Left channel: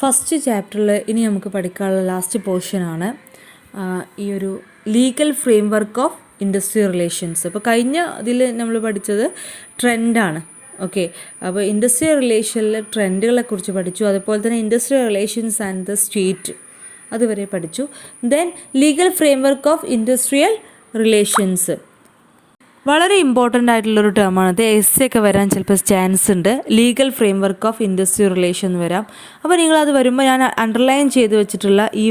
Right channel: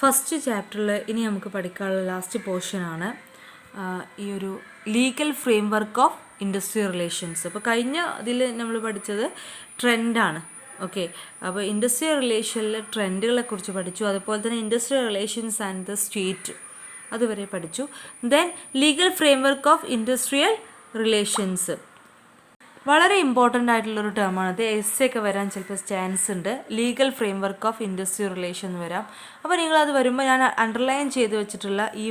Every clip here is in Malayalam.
ഫസ്റ്റ് ചാപ്റ്ററിൽ ഇനി നമുക്ക് പഠിക്കാനുള്ള ലാസ്റ്റ് പോർഷനാണ് ഈ ഒരു legal framework of industrial relations. അപ്പോൾ കഴിഞ്ഞ ഇതിൽ നമ്മൾ പഠിച്ചത് ട്രെൻഡാണ്. ഓക്കെ, അപ്പോൾ ഇൻഡസ്ട്രിയൽ റിലേഷനിൽ ട്രെൻഡുകളെ കുറിച്ച് പഠിച്ചു. അതുപോലെ തന്നെ industrial relations and the state അതുവരെ പഠിച്ചു. Then legal framework of industrial relations വളരെ ഇമ്പോർട്ടൻ്റ് ആയിട്ടുള്ളൊരു ടേമാണ്. അത് എസ് ഒക്കെ വരാൻ ചിലപ്പോൾ ചാൻസ് ഉണ്ട്. Legal framework of industrial relation എന്ന് വരാം. അപ്പോൾ നിങ്ങളത് വരുമ്പോൾ ഞാൻ അണ്ടർലൈൻ ചെയ്ത് വെച്ചിട്ടുള്ള ഈ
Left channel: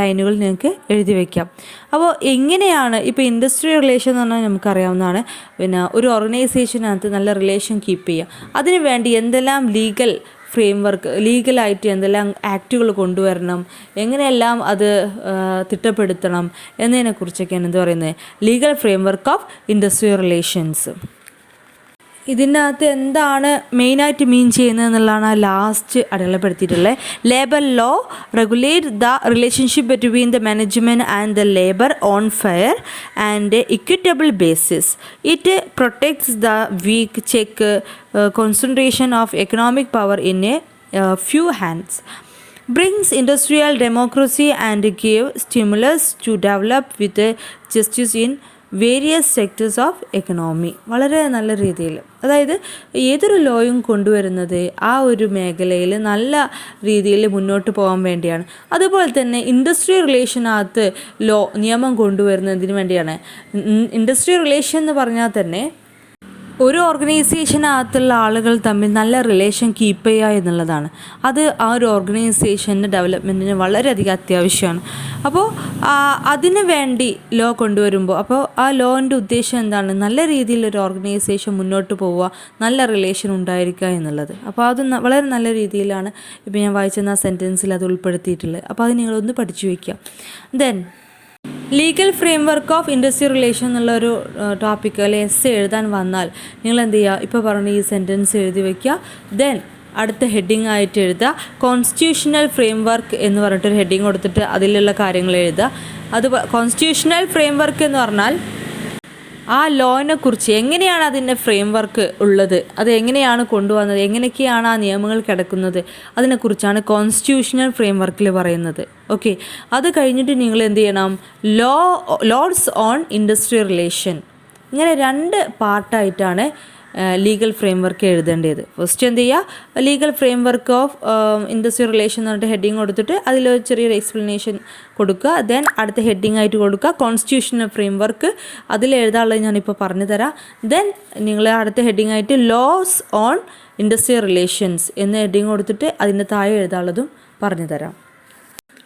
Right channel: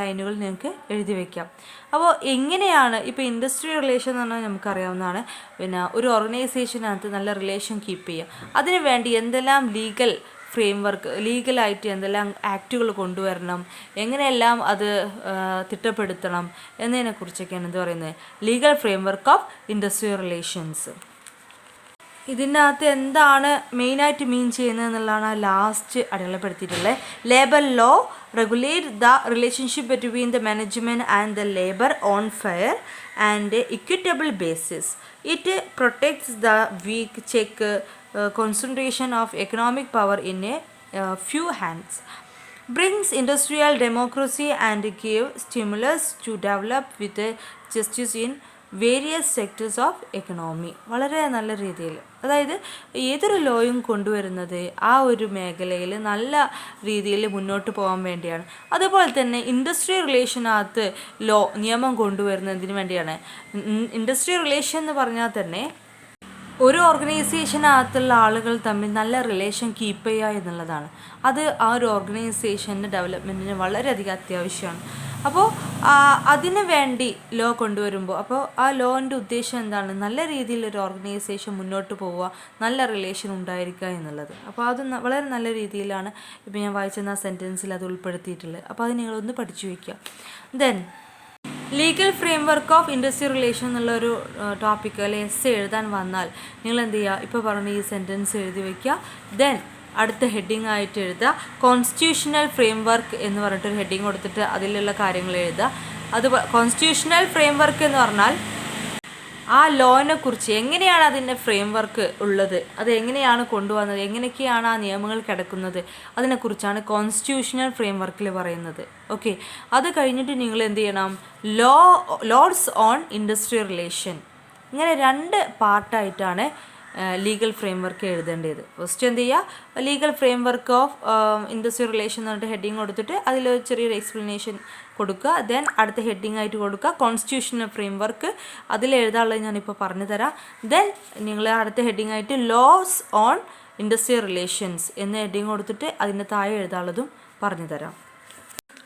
ലൈനുകൾ നിങ്ങൾക്ക് എഴുതി വയ്ക്കാം. അപ്പോൾ എങ്ങനെയാണ് ഇപ്പോൾ ഇൻഡസ്ട്രിയൽ റിലേഷൻ എന്ന് പറഞ്ഞാൽ നമുക്കറിയാവുന്നതാണ്. പിന്നെ ഒരു ഓർഗനൈസേഷനകത്ത് നല്ല റിലേഷൻ കീപ്പ് ചെയ്യുക. അതിനു വേണ്ടി എന്തെല്ലാം ലീഗൽ ഫ്രെയിം വർക്ക്, ലീഗലായിട്ട് എന്തെല്ലാം ആക്റ്റുകൾ കൊണ്ടുവരണം, എങ്ങനെയെല്ലാം അത് തിട്ടപ്പെടുത്തണം എന്നതിനെക്കുറിച്ചൊക്കെയാണ് എന്ത് പറയുന്നത്, legal framework of industrial relations. ഇതിനകത്ത് എന്താണ് മെയിനായിട്ട് മീൻ ചെയ്യുന്നത് എന്നുള്ളതാണ് ലാസ്റ്റ് അടയാളപ്പെടുത്തിയിട്ടുള്ളത്. Labour law regulate the relationship between the management and the labour on fair and equitable basis. It protects the weak check concentration of economic power in a few hands, brings industrial democracy and give stimulus to develop with justice in various sectors of economy. വളരെ നല്ല രീതിയിൽ, അതായത് ഏതൊരു ലോയും കൊണ്ടുവരുന്നത് ആ ഒരു മേഖലയിൽ നല്ല രീതിയിൽ മുന്നോട്ട് പോകാൻ വേണ്ടിയാണ്. അതുപോലെ തന്നെ ഇൻഡസ്ട്രിയൽ റിലേഷനകത്ത് നിയമം കൊണ്ടുവരുന്നതിന് വേണ്ടിയാണ്. ഇൻഡസ്ട്രിയൽ റിലേഷൻ എന്ന് പറഞ്ഞാൽ തന്നെ ഒരു ഓർഗനൈസേഷനകത്തുള്ള ആളുകൾ തമ്മിൽ നല്ല റിലേഷൻ കീപ്പ് ചെയ്യുക എന്നുള്ളതാണ്. അത് ആ ഒരു ഓർഗനൈസേഷൻ്റെ ഡെവലപ്മെൻറ്റിന് വളരെയധികം അത്യാവശ്യമാണ്. അപ്പോൾ അതിന് വേണ്ടി ലോ കൊണ്ടുവരുമ്പോൾ അപ്പോൾ ആ ലോൻ്റെ ഉദ്ദേശം എന്താണ്, നല്ല രീതിയിൽ ഒരു ഓർഗനൈസേഷൻ മുന്നോട്ട് പോവുക, നല്ല റിലേഷൻ ഉണ്ടായിരിക്കുക എന്നുള്ളത്. അപ്പോൾ അത് വളരെ നല്ല രീതിയിലാണ് ഇപ്പോൾ ഞാൻ വായിച്ചെന്ന സെൻറ്റൻസിൽ അത് ഉൾപ്പെടുത്തിയിട്ടുള്ളത്. അപ്പോൾ അത് നിങ്ങളൊന്ന് പഠിച്ചു വയ്ക്കുക. Then legal framework of industrial relation എന്നുള്ളൊരു ടോപ്പിക്ക് അല്ലെങ്കിൽ എസ് എഴുതാൻ വന്നാൽ നിങ്ങൾ എന്ത് ചെയ്യുക, ഇപ്പോൾ പറഞ്ഞ ഈ സെൻറ്റൻസ് എഴുതി വയ്ക്കുക. ദെൻ അടുത്ത ഹെഡിങ് ആയിട്ട് എഴുതുക കോൺസ്റ്റിറ്റ്യൂഷണൽ ഫ്രെയിം വർക്ക് എന്ന് പറഞ്ഞിട്ടൊരു ഹെഡിങ് കൊടുത്തിട്ട് അതിലുള്ള കാര്യങ്ങൾ എഴുതുക. അത് കോൺസ്റ്റിറ്റ്യൂഷണൽ ഫ്രെയിം വർക്ക് എന്ന് പറഞ്ഞാൽ ആ ലോനെ കുറിച്ച് എങ്ങനെയാണ് അതിൻ്റെ ഫ്രെയിം വർക്ക് ഉള്ളത്, അത് എങ്ങനെയാണ് കൊണ്ടുവന്നത്, എങ്ങനെയൊക്കെയാണ് ആ നിയമങ്ങൾ കിടക്കുന്നത്, അതിനെക്കുറിച്ചാണ് കോൺസ്റ്റിറ്റ്യൂഷണൽ ഫ്രെയിം വർക്കിൽ പറയുന്നത്. ഓക്കെ, അത് കഴിഞ്ഞിട്ട് നിങ്ങൾ എന്ത് ചെയ്യണം, ലോസ് ഓൺ ഇൻഡസ്ട്രിയൽ റിലേഷൻ. ഇങ്ങനെ 2 പാർട്ടായിട്ടാണ് ലീഗൽ ഫ്രെയിം വർക്ക് എഴുതേണ്ടത്. ഫസ്റ്റ് എന്ത് ചെയ്യുക, legal framework of industrial relation എന്ന് പറഞ്ഞിട്ട് ഹെഡിങ് കൊടുത്തിട്ട് അതിലൊരു ചെറിയൊരു എക്സ്പ്ലനേഷൻ കൊടുക്കുക. ദെൻ അടുത്ത ഹെഡിങ് ആയിട്ട് കൊടുക്കുക കോൺസ്റ്റിറ്റ്യൂഷണൽ ഫ്രെയിം വർക്ക്, അതിൽ എഴുതാനുള്ളത് ഞാനിപ്പോൾ പറഞ്ഞു തരാം. ദെൻ നിങ്ങൾ അടുത്ത ഹെഡിങ് ആയിട്ട് ലോസ് ഓൺ ഇൻഡസ്ട്രിയൽ റിലേഷൻസ് എന്ന ഹെഡിങ് കൊടുത്തിട്ട് അതിൻ്റെ താഴെ എഴുതാനുള്ളതും പറഞ്ഞു തരാം.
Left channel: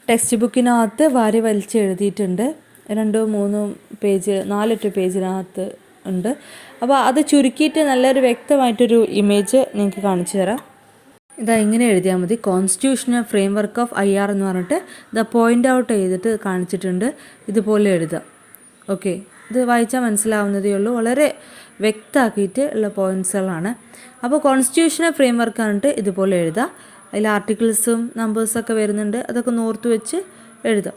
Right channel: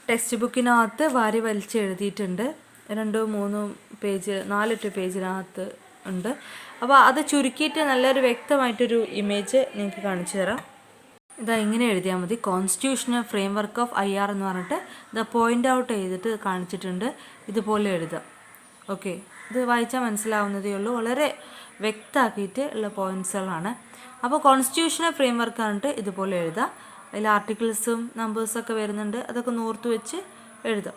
ടെക്സ്റ്റ് ബുക്കിനകത്ത് വാരി വലിച്ച് എഴുതിയിട്ടുണ്ട്. 2, 3 പേജ്, 4 പേജിനകത്ത് ഉണ്ട്. അപ്പോൾ അത് ചുരുക്കിയിട്ട് നല്ലൊരു വ്യക്തമായിട്ടൊരു ഇമേജ് നിങ്ങൾക്ക് കാണിച്ചു തരാം. ഇതാ ഇങ്ങനെ എഴുതിയാൽ മതി, constitutional frame work of IR എന്ന് പറഞ്ഞിട്ട് ഇത് പോയിൻ്റ് ഔട്ട് ചെയ്തിട്ട് കാണിച്ചിട്ടുണ്ട്. ഇതുപോലെ എഴുതുക. ഓക്കെ, ഇത് വായിച്ചാൽ മനസ്സിലാവുന്നതേ ഉള്ളൂ, വളരെ വ്യക്തമാക്കിയിട്ട് ഉള്ള പോയിൻറ്റ്സുകളാണ്. അപ്പോൾ കോൺസ്റ്റിറ്റ്യൂഷണൽ ഫ്രെയിം വർക്ക് പറഞ്ഞിട്ട് ഇതുപോലെ എഴുതുക. അതിൽ ആർട്ടിക്കിൾസും നമ്പേഴ്സൊക്കെ വരുന്നുണ്ട്, അതൊക്കെ ഓർത്ത് വെച്ച് എഴുതുക.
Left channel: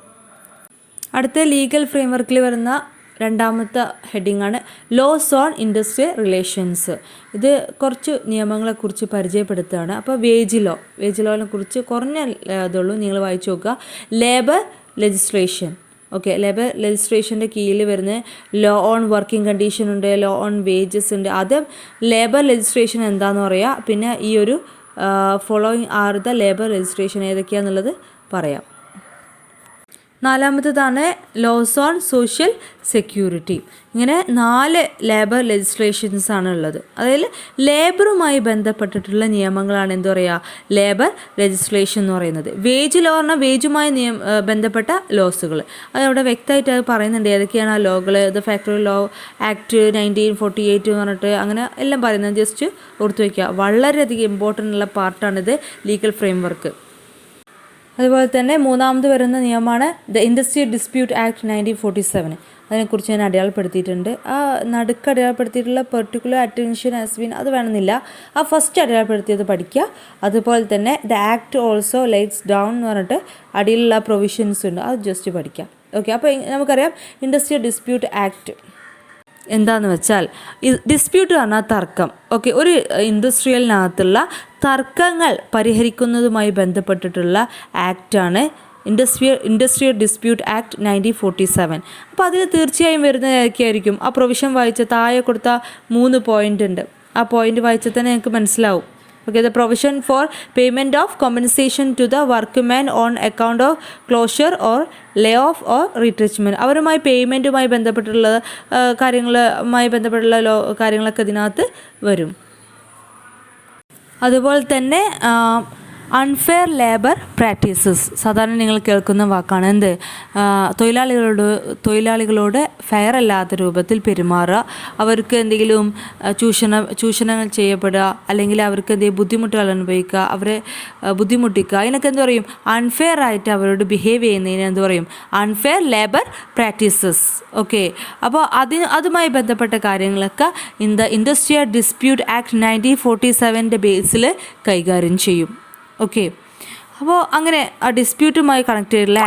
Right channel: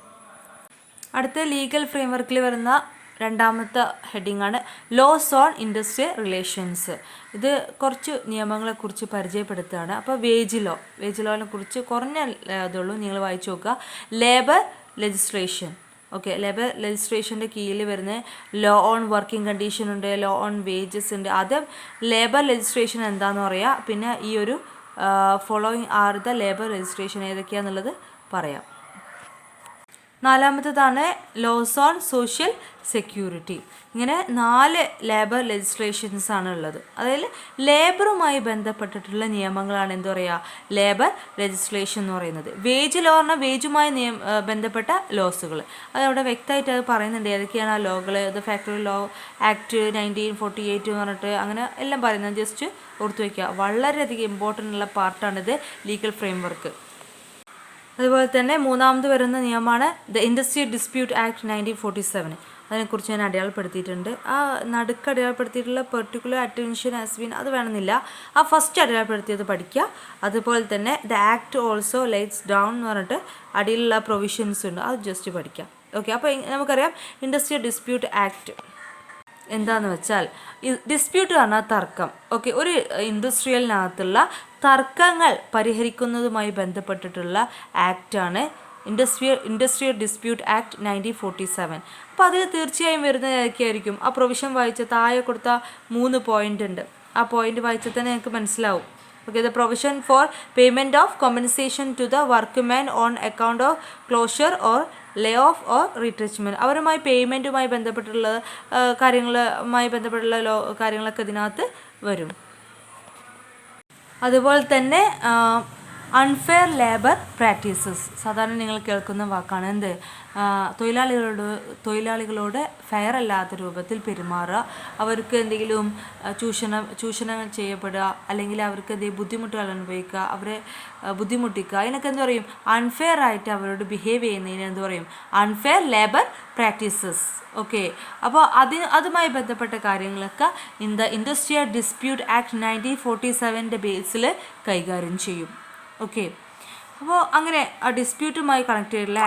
അടുത്ത ലീഗൽ ഫ്രെയിം വർക്കിൽ വരുന്ന 2ാമത്തെ ഹെഡിങ്ങാണ് ലോസ് ഓൺ ഇൻഡസ്ട്രിയൽ റിലേഷൻസ്. ഇത് കുറച്ച് നിയമങ്ങളെക്കുറിച്ച് പരിചയപ്പെടുത്തുകയാണ്. അപ്പോൾ വേജ് ലോനെ കുറിച്ച് കുറഞ്ഞ ഇതുള്ളൂ, നിങ്ങൾ വായിച്ചു നോക്കുക. Labour legislation. ഓക്കെ, ലേബർ ലെജിസ്ലേഷൻ്റെ കീഴിൽ വരുന്ന ലോ ഓൺ വർക്കിംഗ് കണ്ടീഷൻ ഉണ്ട്, ലോ ഓൺ വേജസ് ഉണ്ട്. അത് ലേബർ ലെജിസ്ലേഷൻ എന്താണെന്ന് പറയുക. പിന്നെ ഈ ഒരു following are the labour legislation ഏതൊക്കെയാണെന്നുള്ളത് പറയാം. 4ാമത്തേതാണ് ലോസ് ഓൺ സോഷ്യൽ സെക്യൂരിറ്റി. ഇങ്ങനെ 4 ലേബർ ലെജിസ്ലേഷൻസ് ആണ് ഉള്ളത്. അതായത് ലേബറുമായി ബന്ധപ്പെട്ടിട്ടുള്ള നിയമങ്ങളാണ് എന്ത് പറയുക, ലേബർ ലെജിസ്ലേഷൻ എന്ന് പറയുന്നത്. വേജ് ലോ പറഞ്ഞാൽ വേജുമായി ബന്ധപ്പെട്ട ലോസുകൾ, അതവിടെ വ്യക്തമായിട്ട് അത് പറയുന്നുണ്ട് ഏതൊക്കെയാണ് ആ ലോകൾ. ഇത് ഫാക്ടറി ലോ ആക്ട് 1948 എന്ന് പറഞ്ഞിട്ട് അങ്ങനെ എല്ലാം പറയുന്നത് ജസ്റ്റ് ഓർത്ത് വയ്ക്കുക. വളരെയധികം ഇമ്പോർട്ടൻ്റ് ഉള്ള പാർട്ടാണിത് ലീഗൽ ഫ്രെയിം വർക്ക്. അതുപോലെ തന്നെ 3ാമത് വരുന്ന നിയമമാണ് ദ ഇൻഡസ്ട്രിയൽ ഡിസ്പ്യൂട്ട് ആക്ട് 1947. അതിനെക്കുറിച്ച് ഞാൻ അടയാളപ്പെടുത്തിയിട്ടുണ്ട്. ആ നടുക്ക് അടയാളപ്പെടുത്തിയിട്ടുള്ള പെർട്ടിക്കുലർ അറ്റൻഷൻ ആസ് ബീൻ അത് വേണമെന്നില്ല, ആ ഫസ്റ്റ് അടയാളപ്പെടുത്തിയത് പഠിക്കുക. അതുപോലെ തന്നെ the act also lights down എന്ന് പറഞ്ഞിട്ട് അടിയിലുള്ള പ്രൊവിഷൻസ് ഉണ്ട്, അത് ജസ്റ്റ് പഠിക്കാം. ഓക്കെ, അപ്പോൾ നമുക്കറിയാം ഇൻഡസ്ട്രിയൽ ഡിസ്പ്യൂട്ട് ആക്ട് എന്താണെന്ന് വെച്ചാൽ ഡിസ്പ്യൂട്ട് പറഞ്ഞാൽ തർക്കം. ഓക്കെ, ഒരു ഇൻഡസ്ട്രിയലിനകത്തുള്ള തർക്കങ്ങൾ പരിഹരിക്കുന്നതുമായി ബന്ധപ്പെട്ടിട്ടുള്ള ആക്റ്റാണ് ഇൻഡസ്ട്രിയൽ ഡിസ്പ്യൂട്ട് ആക്ട് 1947. അപ്പോൾ അതിൽ തീർച്ചയായും വരുന്നതായിരിക്കും ആ പ്രൊവിഷൻ വായിച്ച താഴെ കൊടുത്ത 3 പോയിൻ്റ് ഉണ്ട്. ആ പോയിൻ്റ് വായിച്ചാൽ തന്നെ നിങ്ങൾക്ക് മനസ്സിലാവും. Okay, the provision for payment of compensation to the workman on account of closure or lay off or retrenchment. അവരുമായി പേയ്മെൻറ്റുമായി ബന്ധപ്പെട്ടുള്ള കാര്യങ്ങളൊക്കെ ഇതിനകത്ത് വരും. അതുപോലെ തന്നെ അൺഫെയർ ലേബർ പ്രാക്ടീസസ് സാധാരണ നിങ്ങൾ കേൾക്കുന്ന വാക്കാണ്. എന്ത്? തൊഴിലാളികളോട് ഫെയർ അല്ലാത്ത രൂപത്തിൽ പെരുമാറുക, അവർക്ക് എന്തെങ്കിലും ചൂഷണങ്ങൾ ചെയ്യപ്പെടുക, അല്ലെങ്കിൽ അവർക്ക് എന്തെങ്കിലും ബുദ്ധിമുട്ടുകൾ അനുഭവിക്കുക, അവരെ ബുദ്ധിമുട്ടിക്കുക, അതിനൊക്കെ എന്ത് പറയും? അൺഫെയർ ആയിട്ട് അവരോട് ബിഹേവ് ചെയ്യുന്നതിന് എന്ത് പറയും? Unfair labour practices. ഓക്കെ, അപ്പോൾ അതുമായി ബന്ധപ്പെട്ട കാര്യങ്ങളൊക്കെ ഇൻഡസ്ട്രിയൽ ഡിസ്പ്യൂട്ട് ആക്ട് 1947 ബേസിൽ കൈകാര്യം ചെയ്യും. ഓക്കെ, അപ്പോൾ അങ്ങനെ ആ ഡിസ്പ്യൂട്ടുമായി കണക്ട് ചെയ്തിട്ടുള്ള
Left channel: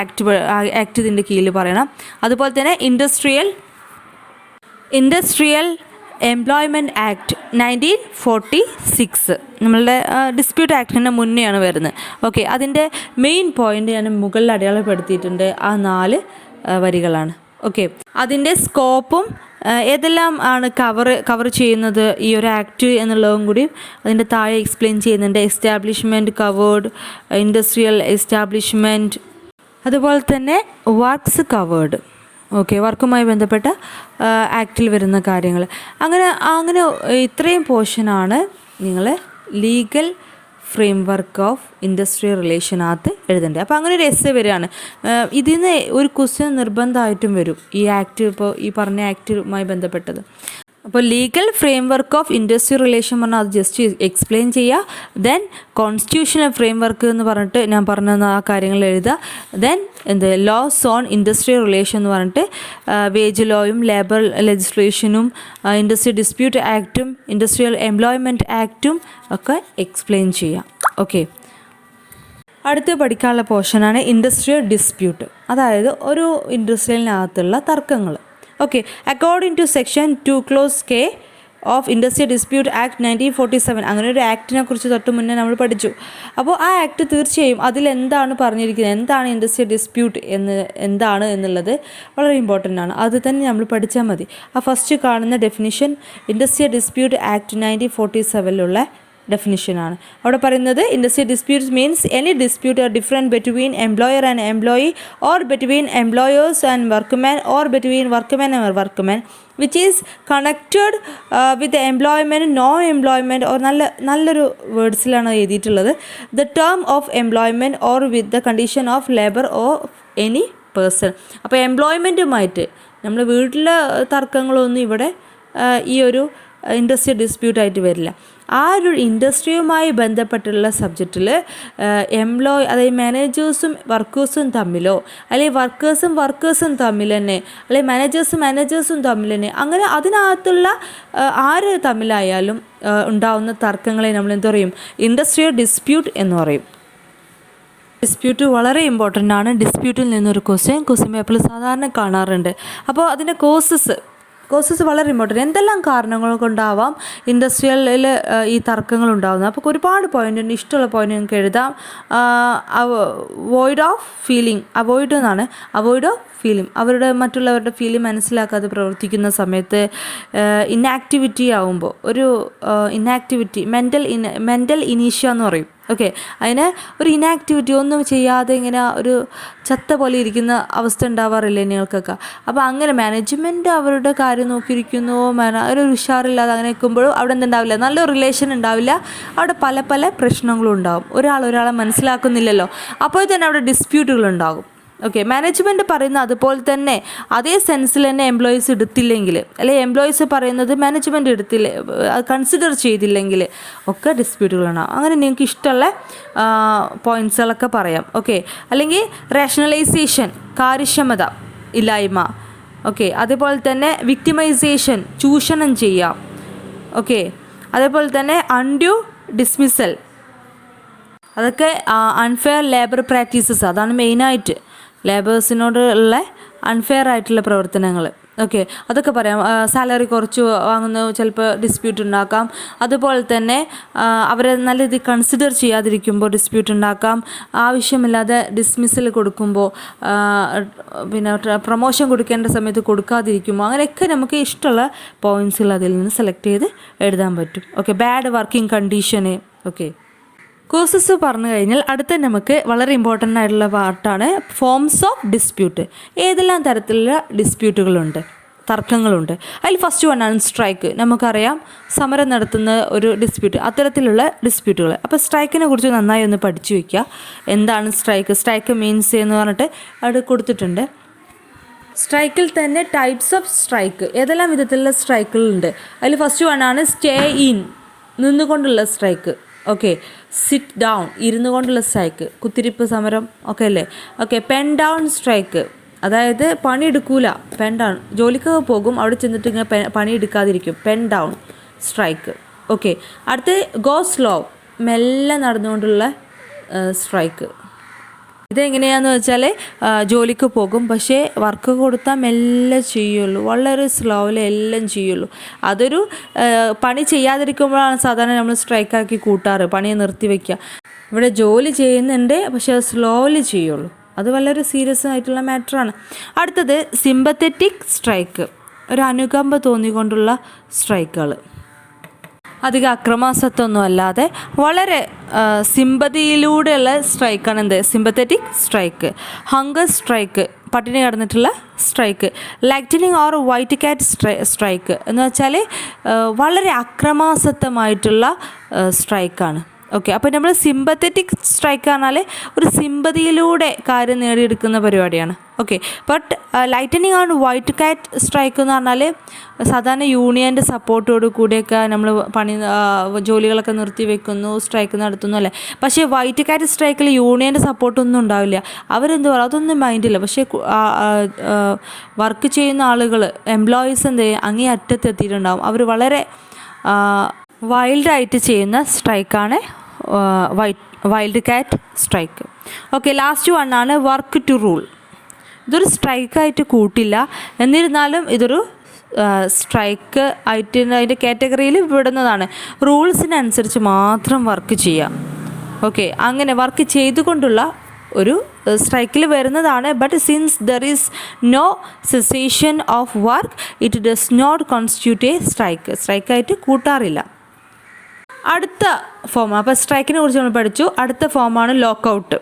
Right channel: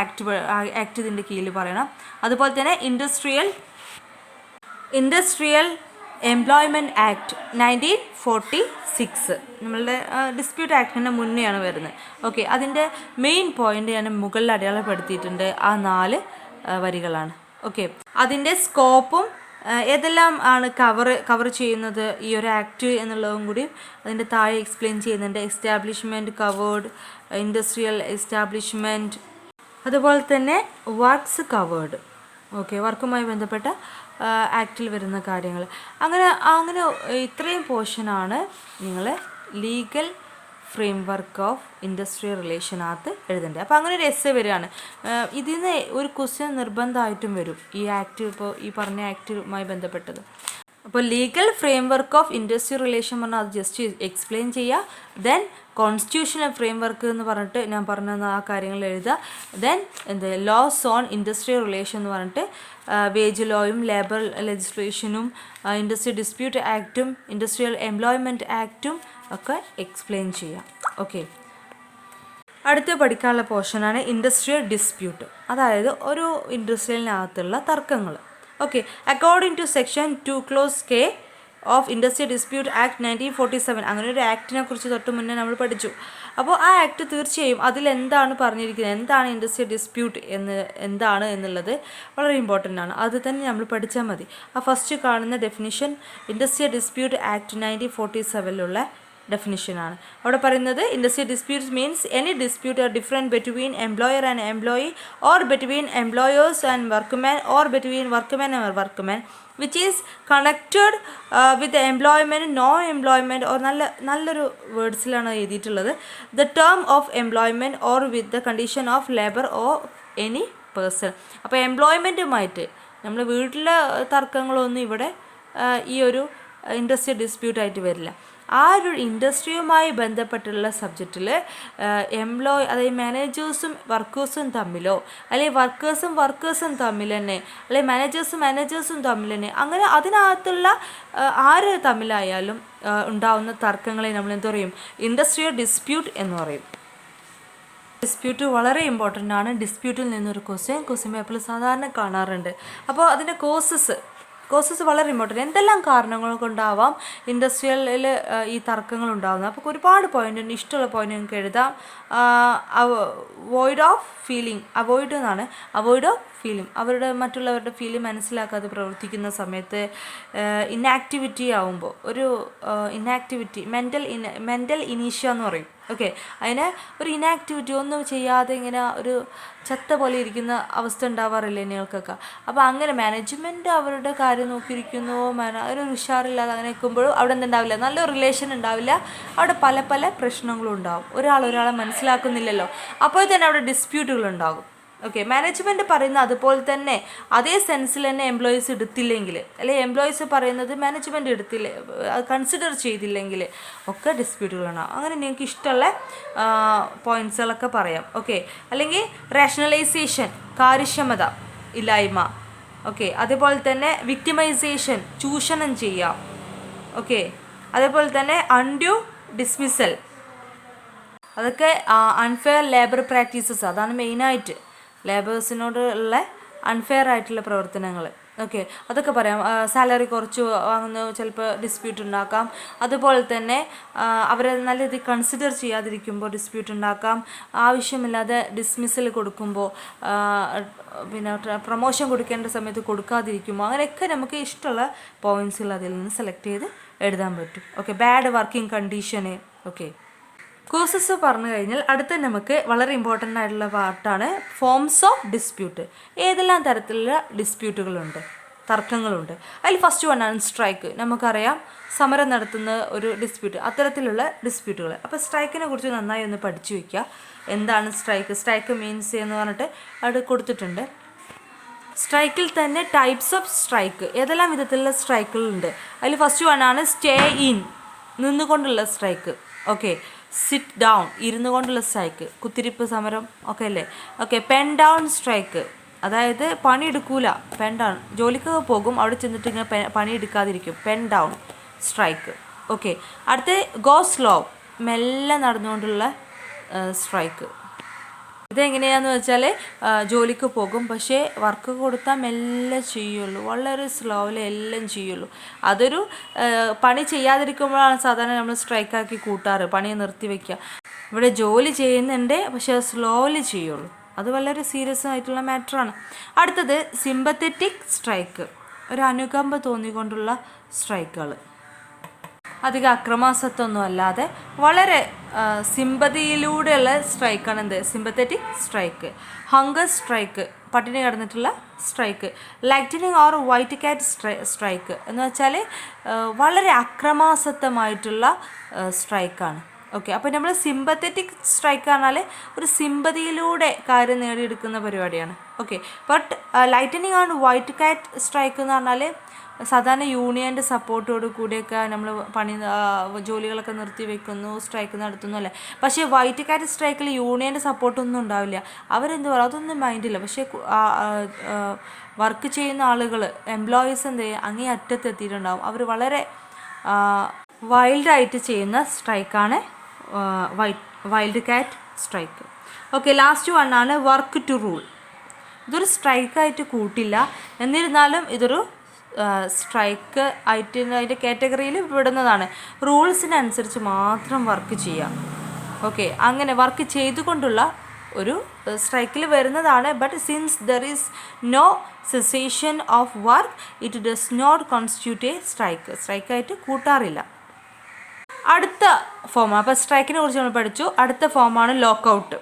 ആക്ട് ഇതിൻ്റെ കീഴിൽ പറയണം. അതുപോലെ തന്നെ ഇൻഡസ്ട്രിയൽ എംപ്ലോയ്മെൻറ്റ് ആക്ട് 1946 നമ്മളുടെ ഡിസ്പ്യൂട്ട് ആക്ടിൻ്റെ മുന്നെയാണ് വരുന്നത്. ഓക്കെ, അതിൻ്റെ മെയിൻ പോയിൻ്റ് ഞാൻ മുകളിൽ അടയാളപ്പെടുത്തിയിട്ടുണ്ട്. ആ 4 വരികളാണ്. ഓക്കെ, അതിൻ്റെ സ്കോപ്പും ഏതെല്ലാം ആണ് കവർ ചെയ്യുന്നത് ഈ ഒരു ആക്ട് എന്നുള്ളതും കൂടി അതിൻ്റെ താഴെ എക്സ്പ്ലെയിൻ ചെയ്യുന്നുണ്ട്. എസ്റ്റാബ്ലിഷ്മെൻറ്റ് കവേർഡ്, ഇൻഡസ്ട്രിയൽ എസ്റ്റാബ്ലിഷ്മെൻറ്റ്, അതുപോലെ തന്നെ വർക്ക്സ് കവേർഡ്. ഓക്കെ, വർക്കുമായി ബന്ധപ്പെട്ട ആക്റ്റിൽ വരുന്ന കാര്യങ്ങൾ. അങ്ങനെ ഇത്രയും പോർഷനാണ് നിങ്ങൾ ലീഗൽ ഫ്രെയിംവർക്ക് ഓഫ് ഇൻഡസ്ട്രിയൽ റിലേഷനകത്ത് എഴുതേണ്ടത്. അപ്പോൾ അങ്ങനെ ഒരു എസ്സേ വരികയാണ്. ഇതിൽ നിന്ന് ഒരു ക്വസ്റ്റ്യൻ നിർബന്ധമായിട്ടും വരും ഈ ആക്ട്, ഇപ്പോൾ ഈ പറഞ്ഞ ആക്റ്റുമായി ബന്ധപ്പെട്ടത്. അപ്പോൾ legal framework of industrial relation പറഞ്ഞാൽ അത് ജസ്റ്റ് എക്സ്പ്ലെയിൻ ചെയ്യുക. ദെൻ കോൺസ്റ്റിറ്റ്യൂഷണൽ ഫ്രെയിംവർക്ക് എന്ന് പറഞ്ഞിട്ട് ഞാൻ പറഞ്ഞ ആ കാര്യങ്ങൾ എഴുതുക. Then laws on industrial relation എന്ന് പറഞ്ഞിട്ട് വേജ് ലോയും ലേബർ ലെജിസ്ലേഷനും ഇൻഡസ്ട്രിയൽ ഡിസ്പ്യൂട്ട് ആക്റ്റും ഇൻഡസ്ട്രിയൽ എംപ്ലോയ്മെൻറ്റ് ആക്റ്റും ഒക്കെ എക്സ്പ്ലെയിൻ ചെയ്യാം. ഓക്കെ, അടുത്ത് പഠിക്കാനുള്ള പോർഷനാണ് ഇൻഡസ്ട്രിയൽ ഡിസ്പ്യൂട്ട്, അതായത് ഒരു ഇൻഡസ്ട്രിയലിനകത്തുള്ള തർക്കങ്ങൾ. Okay, according to section 2 clause K of industrial dispute act 1947 അങ്ങനെ ഒരു ആക്ടിനെ കുറിച്ച് തൊട്ട് മുന്നേ നമ്മൾ പഠിച്ചു. അപ്പോൾ ആ ആക്ട് തീർച്ചയായും അതിലെന്താണ് പറഞ്ഞിരിക്കുന്നത്, എന്താണ് ഇൻഡസ്ട്രിയൽ ഡിസ്പ്യൂട്ട് എന്താണ് എന്നുള്ളത് വളരെ ഇമ്പോർട്ടൻ്റ് ആണ്. അത് തന്നെ നമ്മൾ പഠിച്ചാൽ മതി. ആ ഫസ്റ്റ് കാണുന്ന ഡെഫിനിഷൻ ഇൻഡസ്ട്രിയൽ ഡിസ്പ്യൂട്ട് ആക്ട് 1947 ഡെഫിനിഷനാണ്. അവിടെ പറയുന്നത് industrial disputes means any dispute or different between employer and employee or between employers and workman or between workman and workman which is connected with employment no employment or നല്ലൊരു വേർഡ്സിലാണ് എഴുതിയിട്ടുള്ളത്. The term of employment or with the condition of labour or any person. അപ്പോൾ എംപ്ലോയ്മെൻറ്റുമായിട്ട് നമ്മൾ വീട്ടിലെ തർക്കങ്ങളൊന്നും ഇവിടെ ഈ ഒരു ഇൻഡസ്ട്രിയൽ ഡിസ്പ്യൂട്ടായിട്ട് വരില്ല. ആ ഒരു ഇൻഡസ്ട്രിയുമായി ബന്ധപ്പെട്ടുള്ള സബ്ജക്റ്റിൽ അതായത് മാനേജേഴ്സും വർക്കേഴ്സും തമ്മിലോ അല്ലെങ്കിൽ വർക്കേഴ്സും തമ്മിൽ തന്നെ അല്ലെങ്കിൽ മാനേജേഴ്സും തമ്മിൽ തന്നെ അങ്ങനെ അതിനകത്തുള്ള ആര് തമ്മിലായാലും ഉണ്ടാവുന്ന തർക്കങ്ങളെ നമ്മൾ എന്ത് പറയും? ഇൻഡസ്ട്രിയൽ ഡിസ്പ്യൂട്ട് എന്ന് പറയും. ഡിസ്പ്യൂട്ട് വളരെ ഇമ്പോർട്ടൻ്റ് ആണ്. ഡിസ്പ്യൂട്ടിൽ നിന്നൊരു ക്വസ്റ്റ്യൻ പേപ്പറിൽ സാധാരണ കാണാറുണ്ട്. അപ്പോൾ അതിൻ്റെ കോസസ് വളരെ ഇമ്പോർട്ടൻ്റ്. എന്തെല്ലാം കാരണങ്ങൾ കൊണ്ടാവാം ഇൻഡസ്ട്രിയലിൽ ഈ തർക്കങ്ങൾ ഉണ്ടാകുന്നത്? അപ്പോൾ ഒരുപാട് പോയിൻ്റ് ഉണ്ട്. ഇഷ്ടമുള്ള പോയിൻ്റ് നിങ്ങൾക്ക് എഴുതാം. അവോയ്ഡ് ഓഫ് ഫീലിംഗ് മറ്റുള്ളവരുടെ ഫീലിംഗ് മനസ്സിലാക്കാതെ പ്രവർത്തിക്കുന്ന സമയത്ത്, ഇന്നാക്ടിവിറ്റി ആവുമ്പോൾ ഒരു ഇന്നാക്ടിവിറ്റി മെൻ്റൽ ഇനീഷ്യ എന്ന് പറയും. ഓക്കെ, അതിന് ഒരു ഇനാക്ടിവിറ്റി ഒന്നും ചെയ്യാതെ ഇങ്ങനെ ഒരു ചത്ത പോലെ ഇരിക്കുന്ന അവസ്ഥ ഉണ്ടാവാറില്ലേ നിങ്ങൾക്കൊക്കെ? അപ്പോൾ അങ്ങനെ മാനേജ്മെൻറ്റ് അവരുടെ കാര്യം നോക്കിയിരിക്കുന്നു, ഒരു ഉഷാറില്ലാതെ അങ്ങനെ നിൽക്കുമ്പോഴും അവിടെ എന്തുണ്ടാവില്ല? നല്ലൊരു റിലേഷൻ ഉണ്ടാവില്ല. അവിടെ പല പ്രശ്നങ്ങളും ഉണ്ടാകും. ഒരാളെ മനസ്സിലാക്കുന്നില്ലല്ലോ, അപ്പോൾ തന്നെ അവിടെ ഡിസ്പ്യൂട്ടുകൾ ഉണ്ടാകും. ഓക്കെ, മാനേജ്മെൻറ്റ് പറയുന്ന അതുപോലെ തന്നെ അതേ സെൻസിൽ തന്നെ എംപ്ലോയീസ് എടുത്തില്ലെങ്കിൽ, അല്ലെങ്കിൽ എംപ്ലോയീസ് പറയുന്നത് മാനേജ്മെൻറ്റ് കൺസിഡർ ചെയ്തില്ലെങ്കിൽ ഒക്കെ ഡിസ്പ്യൂട്ടുകളാണ്. അങ്ങനെ നിങ്ങൾക്ക് ഇഷ്ടമുള്ള പോയിൻറ്റ്സുകളൊക്കെ പറയാം. ഓക്കെ, അല്ലെങ്കിൽ റേഷണലൈസേഷൻ കാര്യക്ഷമത ഇല്ലായ്മ. ഓക്കെ, അതേപോലെ തന്നെ വിക്ടിമൈസേഷൻ ചൂഷണം ചെയ്യാം. ഓക്കെ, അതേപോലെ തന്നെ അൺഡ്യൂ ഡിസ്മിസൽ, അതൊക്കെ അൺഫെയർ ലേബർ പ്രാക്ടീസസ്. അതാണ് മെയിനായിട്ട് ലേബേഴ്സിനോടുള്ള അൺഫെയർ ആയിട്ടുള്ള പ്രവർത്തനങ്ങൾ. ഓക്കെ, അതൊക്കെ പറയാം. സാലറി കുറച്ച് വാങ്ങുന്ന ചിലപ്പോൾ ഡിസ്പ്യൂട്ട് ഉണ്ടാക്കാം. അതുപോലെ തന്നെ അവരെ നല്ല രീതിയിൽ കൺസിഡർ ചെയ്യാതിരിക്കുമ്പോൾ ഡിസ്പ്യൂട്ട് ഉണ്ടാക്കാം. ആവശ്യമില്ലാതെ ഡിസ്മിസൽ കൊടുക്കുമ്പോൾ, പിന്നെ പ്രൊമോഷൻ കൊടുക്കേണ്ട സമയത്ത് കൊടുക്കാതിരിക്കുമ്പോൾ, അങ്ങനെയൊക്കെ നമുക്ക് ഇഷ്ടമുള്ള പോയിൻറ്റ്സുകൾ അതിൽ നിന്ന് സെലക്ട് ചെയ്ത് എഴുതാൻ പറ്റും. ഓക്കെ, ബാഡ് വർക്കിംഗ് കണ്ടീഷന്. ഓക്കെ, കോസസ് പറഞ്ഞു കഴിഞ്ഞാൽ അടുത്ത നമുക്ക് വളരെ ഇമ്പോർട്ടൻ്റ് ആയിട്ടുള്ള പാർട്ടാണ് ഫോംസ് ഓഫ് ഡിസ്പ്യൂട്ട്. ഏതെല്ലാം തരത്തിലുള്ള ഡിസ്പ്യൂട്ടുകളുണ്ട്, തർക്കങ്ങളുണ്ട്. അതിൽ ഫസ്റ്റ് വണ്ണാണ് സ്ട്രൈക്ക്. നമുക്കറിയാം, സമരം നടത്തുന്ന ഒരു ഡിസ്പ്യൂട്ട്, അത്തരത്തിലുള്ള ഡിസ്പ്യൂട്ടുകൾ. അപ്പോൾ സ്ട്രൈക്കിനെ കുറിച്ച് നന്നായി ഒന്ന് പഠിച്ചു വയ്ക്കുക. എന്താണ് സ്ട്രൈക്ക്, സ്ട്രൈക്ക് മീൻസ് എന്ന് പറഞ്ഞിട്ട് അവിടെ കൊടുത്തിട്ടുണ്ട്. സ്ട്രൈക്കിൽ തന്നെ ടൈപ്സ് ഓഫ് സ്ട്രൈക്ക്, ഏതെല്ലാം വിധത്തിലുള്ള സ്ട്രൈക്കുകളുണ്ട്. അതിൽ ഫസ്റ്റ് വണ്ണാണ് സ്റ്റേ ഇൻ, നിന്നുകൊണ്ടുള്ള സ്ട്രൈക്ക്. ഓക്കെ, സിറ്റ് ഡൗൺ, ഇരുന്നു കൊണ്ടുള്ള സ്ട്രൈക്ക്, കുത്തിരിപ്പ് സമരം ഒക്കെ അല്ലേ. ഓക്കെ, പെൻ ഡൗൺ സ്ട്രൈക്ക്, അതായത് പണിയെടുക്കൂല, പെൻ ഡൗൺ, ജോലിക്ക് പോകും, അവിടെ ചെന്നിട്ട് ഇങ്ങനെ പണിയെടുക്കാതിരിക്കും, പെൻ ഡൗൺ സ്ട്രൈക്ക്. ഓക്കെ, അടുത്ത് ഗോ സ്ലോ, മെല്ലെ നടന്നുകൊണ്ടുള്ള സ്ട്രൈക്ക്. ഇതെങ്ങനെയാണെന്ന് വെച്ചാൽ ജോലിക്ക് പോകും, പക്ഷേ വർക്ക് കൊടുത്താൽ മെല്ലെ ചെയ്യുള്ളൂ, വളരെ സ്ലോയിൽ എല്ലാം ചെയ്യുള്ളൂ. അതൊരു പണി ചെയ്യാതിരിക്കുമ്പോഴാണ് സാധാരണ നമ്മൾ സ്ട്രൈക്കാക്കി കൂട്ടാറ്, പണിയെ നിർത്തി വയ്ക്കുക. ഇവിടെ ജോലി ചെയ്യുന്നുണ്ട്, പക്ഷേ അത് സ്ലോലി ചെയ്യുള്ളൂ. അത് വളരെ സീരിയസ് ആയിട്ടുള്ള മാറ്ററാണ്. അടുത്തത് സിമ്പത്തറ്റിക് സ്ട്രൈക്ക്, ഒരു അനുകമ്പ തോന്നിക്കൊണ്ടുള്ള സ്ട്രൈക്കുകൾ. അധികം അക്രമാസത്വമൊന്നും അല്ലാതെ വളരെ സിമ്പതിയിലൂടെയുള്ള സ്ട്രൈക്കാണ് എന്ത്, സിമ്പത്തറ്റിക് സ്ട്രൈക്ക്. ഹങ്കർ സ്ട്രൈക്ക്, പട്ടിണി കിടന്നിട്ടുള്ള സ്ട്രൈക്ക്. ലൈറ്റനിങ് ഓർ വൈറ്റ് കാറ്റ് സ്ട്രൈക്ക് എന്ന് വെച്ചാൽ വളരെ അക്രമാസക്തമായിട്ടുള്ള സ്ട്രൈക്കാണ്. ഓക്കെ, അപ്പോൾ നമ്മൾ സിമ്പത്തറ്റിക് സ്ട്രൈക്ക് പറഞ്ഞാൽ ഒരു സിമ്പതിയിലൂടെ കാര്യം നേടിയെടുക്കുന്ന പരിപാടിയാണ്. Okay, but lightening and white കാറ്റ് സ്ട്രൈക്ക് എന്ന് പറഞ്ഞാൽ സാധാരണ യൂണിയൻ്റെ സപ്പോർട്ടോട് കൂടിയൊക്കെ നമ്മൾ ജോലികളൊക്കെ നിർത്തി വെക്കുന്നു, സ്ട്രൈക്ക് നടത്തുന്നു അല്ലേ. പക്ഷേ വൈറ്റ് കാറ്റ് സ്ട്രൈക്കിൽ യൂണിയൻ്റെ സപ്പോർട്ടൊന്നും ഉണ്ടാവില്ല. അവരെന്ത് പറയുക, അതൊന്നും മൈൻഡില്ല. പക്ഷേ വർക്ക് ചെയ്യുന്ന ആളുകൾ, എംപ്ലോയീസ് എന്ത് ചെയ്യും, അങ്ങേ അറ്റത്തെത്തിയിട്ടുണ്ടാവും. അവർ വളരെ വൈൽഡായിട്ട് ചെയ്യുന്ന സ്ട്രൈക്കാണ് wildcat strike. Okay, last വണ്ണാണ് വർക്ക് ടു റൂൾ. ഇതൊരു സ്ട്രൈക്കായിട്ട് കൂട്ടില്ല, എന്നിരുന്നാലും ഇതൊരു സ്ട്രൈക്ക് ആയിട്ട് അതിൻ്റെ കാറ്റഗറിയിൽ വിടുന്നതാണ്. റൂൾസിനനുസരിച്ച് മാത്രം വർക്ക് ചെയ്യാം. ഓക്കെ, അങ്ങനെ വർക്ക് ചെയ്തുകൊണ്ടുള്ള ഒരു സ്ട്രൈക്കിൽ വരുന്നതാണ്. But since there is no cessation of work, it does not constitute a strike. സ്ട്രൈക്കായിട്ട് കൂട്ടാറില്ല. അടുത്ത ഫോം, അപ്പോൾ സ്ട്രൈക്കിനെ കുറിച്ച് നമ്മൾ പഠിച്ചു. അടുത്ത ഫോമാണ് ലോക്കൗട്ട്.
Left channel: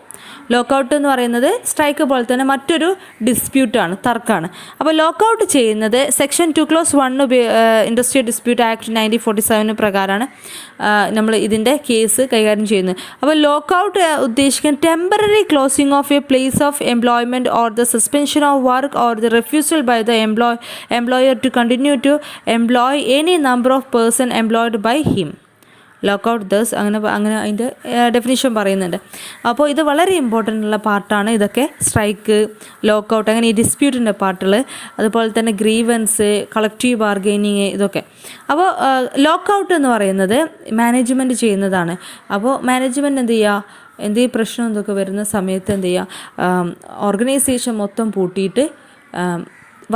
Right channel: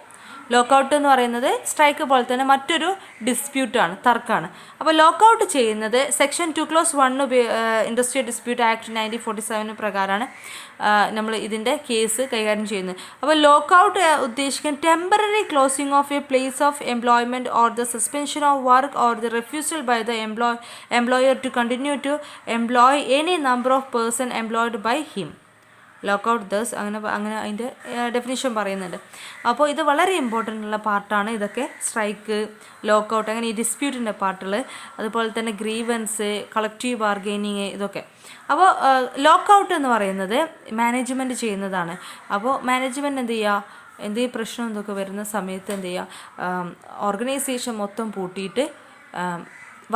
ലോക്കൗട്ട് എന്ന് പറയുന്നത് സ്ട്രൈക്ക് പോലെ തന്നെ മറ്റൊരു ഡിസ്പ്യൂട്ടാണ്, തർക്കമാണ്. അപ്പോൾ ലോക്കൗട്ട് ചെയ്യുന്നത് സെക്ഷൻ 2(1) ഇൻഡസ്ട്രിയൽ ഡിസ്പ്യൂട്ട് ആക്ട് 1947 പ്രകാരമാണ് നമ്മൾ ഇതിൻ്റെ കേസ് കൈകാര്യം ചെയ്യുന്നത്. അപ്പോൾ ലോക്കൗട്ട് ഉദ്ദേശിക്കുന്ന temporary closing of a place of employment or the suspension of work or the refusal by the employer to continue to employ any number of person employed by him. Lockout thus അങ്ങനെ അതിൻ്റെ ഡെഫിനിഷൻ പറയുന്നുണ്ട്. അപ്പോൾ ഇത് വളരെ ഇമ്പോർട്ടൻ്റ് ഉള്ള പാർട്ടാണ് ഇതൊക്കെ. സ്ട്രൈക്ക്, ലോക്കൗട്ട്, അങ്ങനെ ഈ ഡിസ്പ്യൂട്ടിൻ്റെ പാർട്ടുകൾ, അതുപോലെ തന്നെ ഗ്രീവൻസ്, കളക്റ്റീവ് ബാർഗെയിനിങ്, ഇതൊക്കെ. അപ്പോൾ ലോക്കൗട്ട് എന്ന് പറയുന്നത് മാനേജ്മെൻറ്റ് ചെയ്യുന്നതാണ്. അപ്പോൾ മാനേജ്മെൻറ്റ് എന്ത് ചെയ്യുക, എന്തെങ്കിലും പ്രശ്നം എന്തൊക്കെ വരുന്ന സമയത്ത് എന്ത് ചെയ്യുക, ഓർഗനൈസേഷൻ മൊത്തം പൂട്ടിയിട്ട്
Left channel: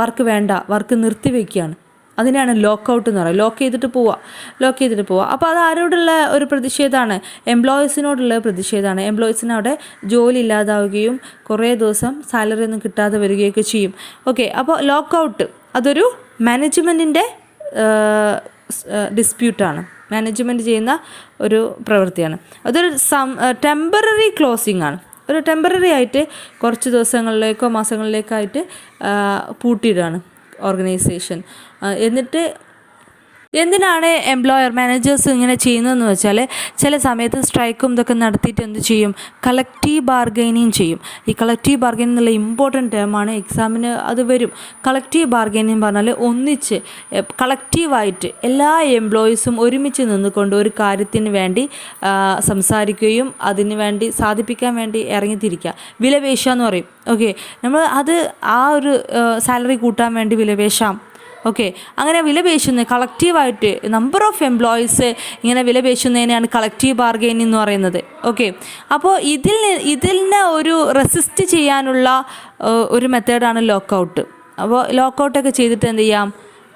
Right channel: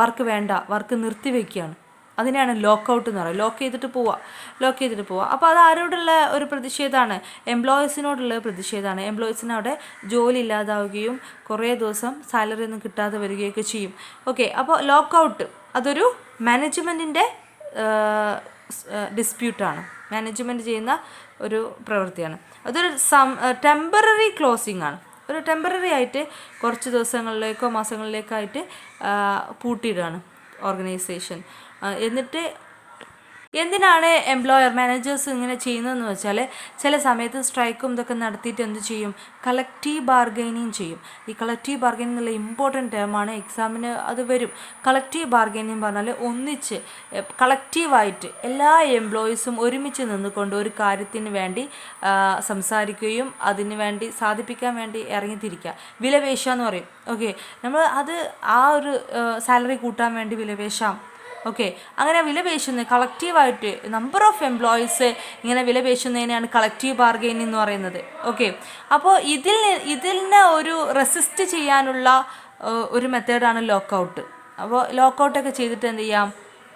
വർക്ക് വേണ്ട, വർക്ക് നിർത്തിവെക്കുകയാണ്. അതിനാണ് ലോക്കൗട്ട് എന്ന് പറയുക. ലോക്ക് ചെയ്തിട്ട് പോവുക. അപ്പോൾ അത് ആരോടുള്ള ഒരു പ്രതിഷേധമാണ്, എംപ്ലോയീസിനോടുള്ള പ്രതിഷേധമാണ്. എംപ്ലോയീസിന് അവിടെ ജോലി ഇല്ലാതാവുകയും കുറേ ദിവസം സാലറി ഒന്നും കിട്ടാതെ വരികയൊക്കെ ചെയ്യും. ഓക്കെ, അപ്പോൾ ലോക്കൗട്ട് അതൊരു മാനേജ്മെൻറ്റിൻ്റെ ഡിസ്പ്യൂട്ടാണ്, മാനേജ്മെൻറ്റ് ചെയ്യുന്ന ഒരു പ്രവൃത്തിയാണ്. അതൊരു ടെമ്പററി ക്ലോസിംഗ് ആണ്. ഒരു ടെമ്പററി ആയിട്ട് കുറച്ച് ദിവസങ്ങളിലേക്കോ മാസങ്ങളിലേക്കോ ആയിട്ട് പൂട്ടിയിടുകയാണ് ഓർഗനൈസേഷൻ. എന്നിട്ട് എന്തിനാണ് എംപ്ലോയർ, മാനേജേഴ്സ് ഇങ്ങനെ ചെയ്യുന്നതെന്ന് വെച്ചാൽ ചില സമയത്ത് സ്ട്രൈക്കും ഇതൊക്കെ നടത്തിയിട്ട് എന്ത് ചെയ്യും, കളക്റ്റീവ് ബാർഗൈനിങ് ചെയ്യും. ഈ കളക്റ്റീവ് ബാർഗൈനിങ് എന്നുള്ള ഇമ്പോർട്ടൻറ്റ് ടേമാണ്, എക്സാമിന് അത് വരും. കളക്റ്റീവ് ബാർഗൈനിങ് പറഞ്ഞാൽ ഒന്നിച്ച് കളക്റ്റീവായിട്ട് എല്ലാ എംപ്ലോയീസും ഒരുമിച്ച് നിന്നുകൊണ്ട് ഒരു കാര്യത്തിന് വേണ്ടി സംസാരിക്കുകയും അതിന് വേണ്ടി സാധിപ്പിക്കാൻ വേണ്ടി ഇറങ്ങിത്തിരിക്കുക. വിലപേശുക എന്ന് പറയും. ഓക്കെ, നമ്മൾ അത് ആ ഒരു സാലറി കൂട്ടാൻ വേണ്ടി വിലപേശാം. ഓക്കെ, അങ്ങനെ വിലപേശുന്നത് കളക്റ്റീവായിട്ട് നമ്പർ ഓഫ് എംപ്ലോയീസ് ഇങ്ങനെ വിലപേശുന്നതിനാണ് കളക്റ്റീവ് ബാർഗെയിനിങ് എന്ന് പറയുന്നത്. ഓക്കെ, അപ്പോൾ ഇതിനെ ഒരു റെസിസ്റ്റ് ചെയ്യാനുള്ള ഒരു മെത്തേഡാണ് ലോക്കൗട്ട്. അപ്പോൾ ലോക്കൗട്ടൊക്കെ ചെയ്തിട്ട് എന്ത് ചെയ്യാം,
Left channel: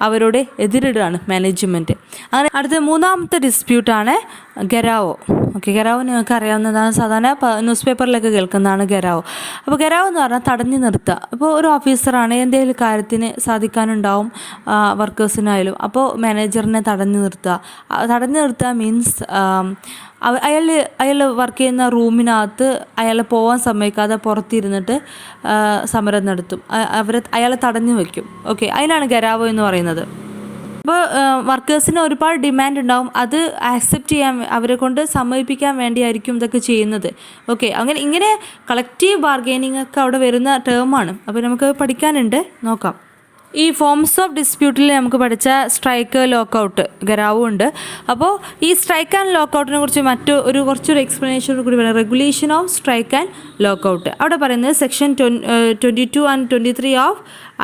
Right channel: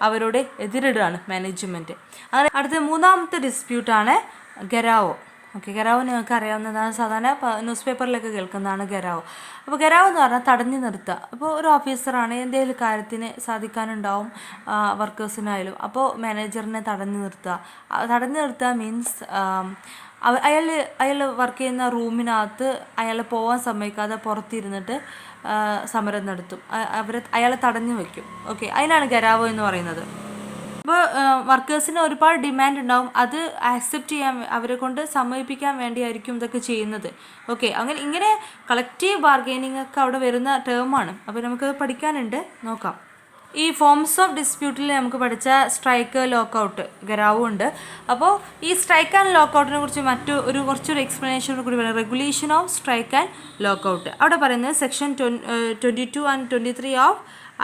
അവരോട് എതിരിടുകയാണ് മാനേജ്മെൻറ്റ്. അങ്ങനെ അടുത്ത മൂന്നാമത്തെ ഡിസ്പ്യൂട്ടാണ് ഗരാവോ. ഓക്കെ, ഗരാവോ നിങ്ങൾക്ക് അറിയാവുന്നതാണ്, സാധാരണ ന്യൂസ് പേപ്പറിലൊക്കെ കേൾക്കുന്നതാണ് ഗരാവോ. അപ്പോൾ ഗരാവോ എന്ന് പറഞ്ഞാൽ തടഞ്ഞു നിർത്തുക. അപ്പോൾ ഒരു ഓഫീസറാണ്, എന്തെങ്കിലും കാര്യത്തിന് സാധിക്കാനുണ്ടാവും വർക്കേഴ്സിനായാലും, അപ്പോൾ മാനേജറിനെ തടഞ്ഞു നിർത്തുക. തടഞ്ഞു നിർത്തുക മീൻസ് അയാൾ വർക്ക് ചെയ്യുന്ന റൂമിനകത്ത് അയാൾ പോകാൻ സമ്മതിക്കാതെ പുറത്തിരുന്നിട്ട് സമരം നടത്തും, അയാളെ തടഞ്ഞു വയ്ക്കും. ഓക്കെ, അതിനാണ് ഗരാവോ എന്ന് പറയുന്നത്. അപ്പോൾ വർക്കേഴ്സിന് ഒരുപാട് ഡിമാൻഡ് ഉണ്ടാവും, അത് ആക്സെപ്റ്റ് ചെയ്യാൻ അവരെ കൊണ്ട് സമ്മതിപ്പിക്കാൻ വേണ്ടിയായിരിക്കും ഇതൊക്കെ ചെയ്യുന്നത്. ഓക്കെ, ഇങ്ങനെ കളക്റ്റീവ് ബാർഗെയിനിങ് ഒക്കെ അവിടെ വരുന്ന ടേമാണ്. അപ്പോൾ നമുക്ക് പഠിക്കാനുണ്ട്, നോക്കാം. ഈ ഫോംസ് ഓഫ് ഡിസ്പ്യൂട്ടിൽ നമുക്ക് പഠിച്ച സ്ട്രൈക്ക്, ലോക്കൗട്ട്, ഗരാവും ഉണ്ട്. അപ്പോൾ ഈ സ്ട്രൈക്ക് ആൻഡ് ലോക്കൗട്ടിനെ കുറിച്ച് കുറച്ചൊരു എക്സ്പ്ലനേഷൻ കൂടി പറയാം. Regulation of strike and lockout അവിടെ പറയുന്നത് section 22 and 23 of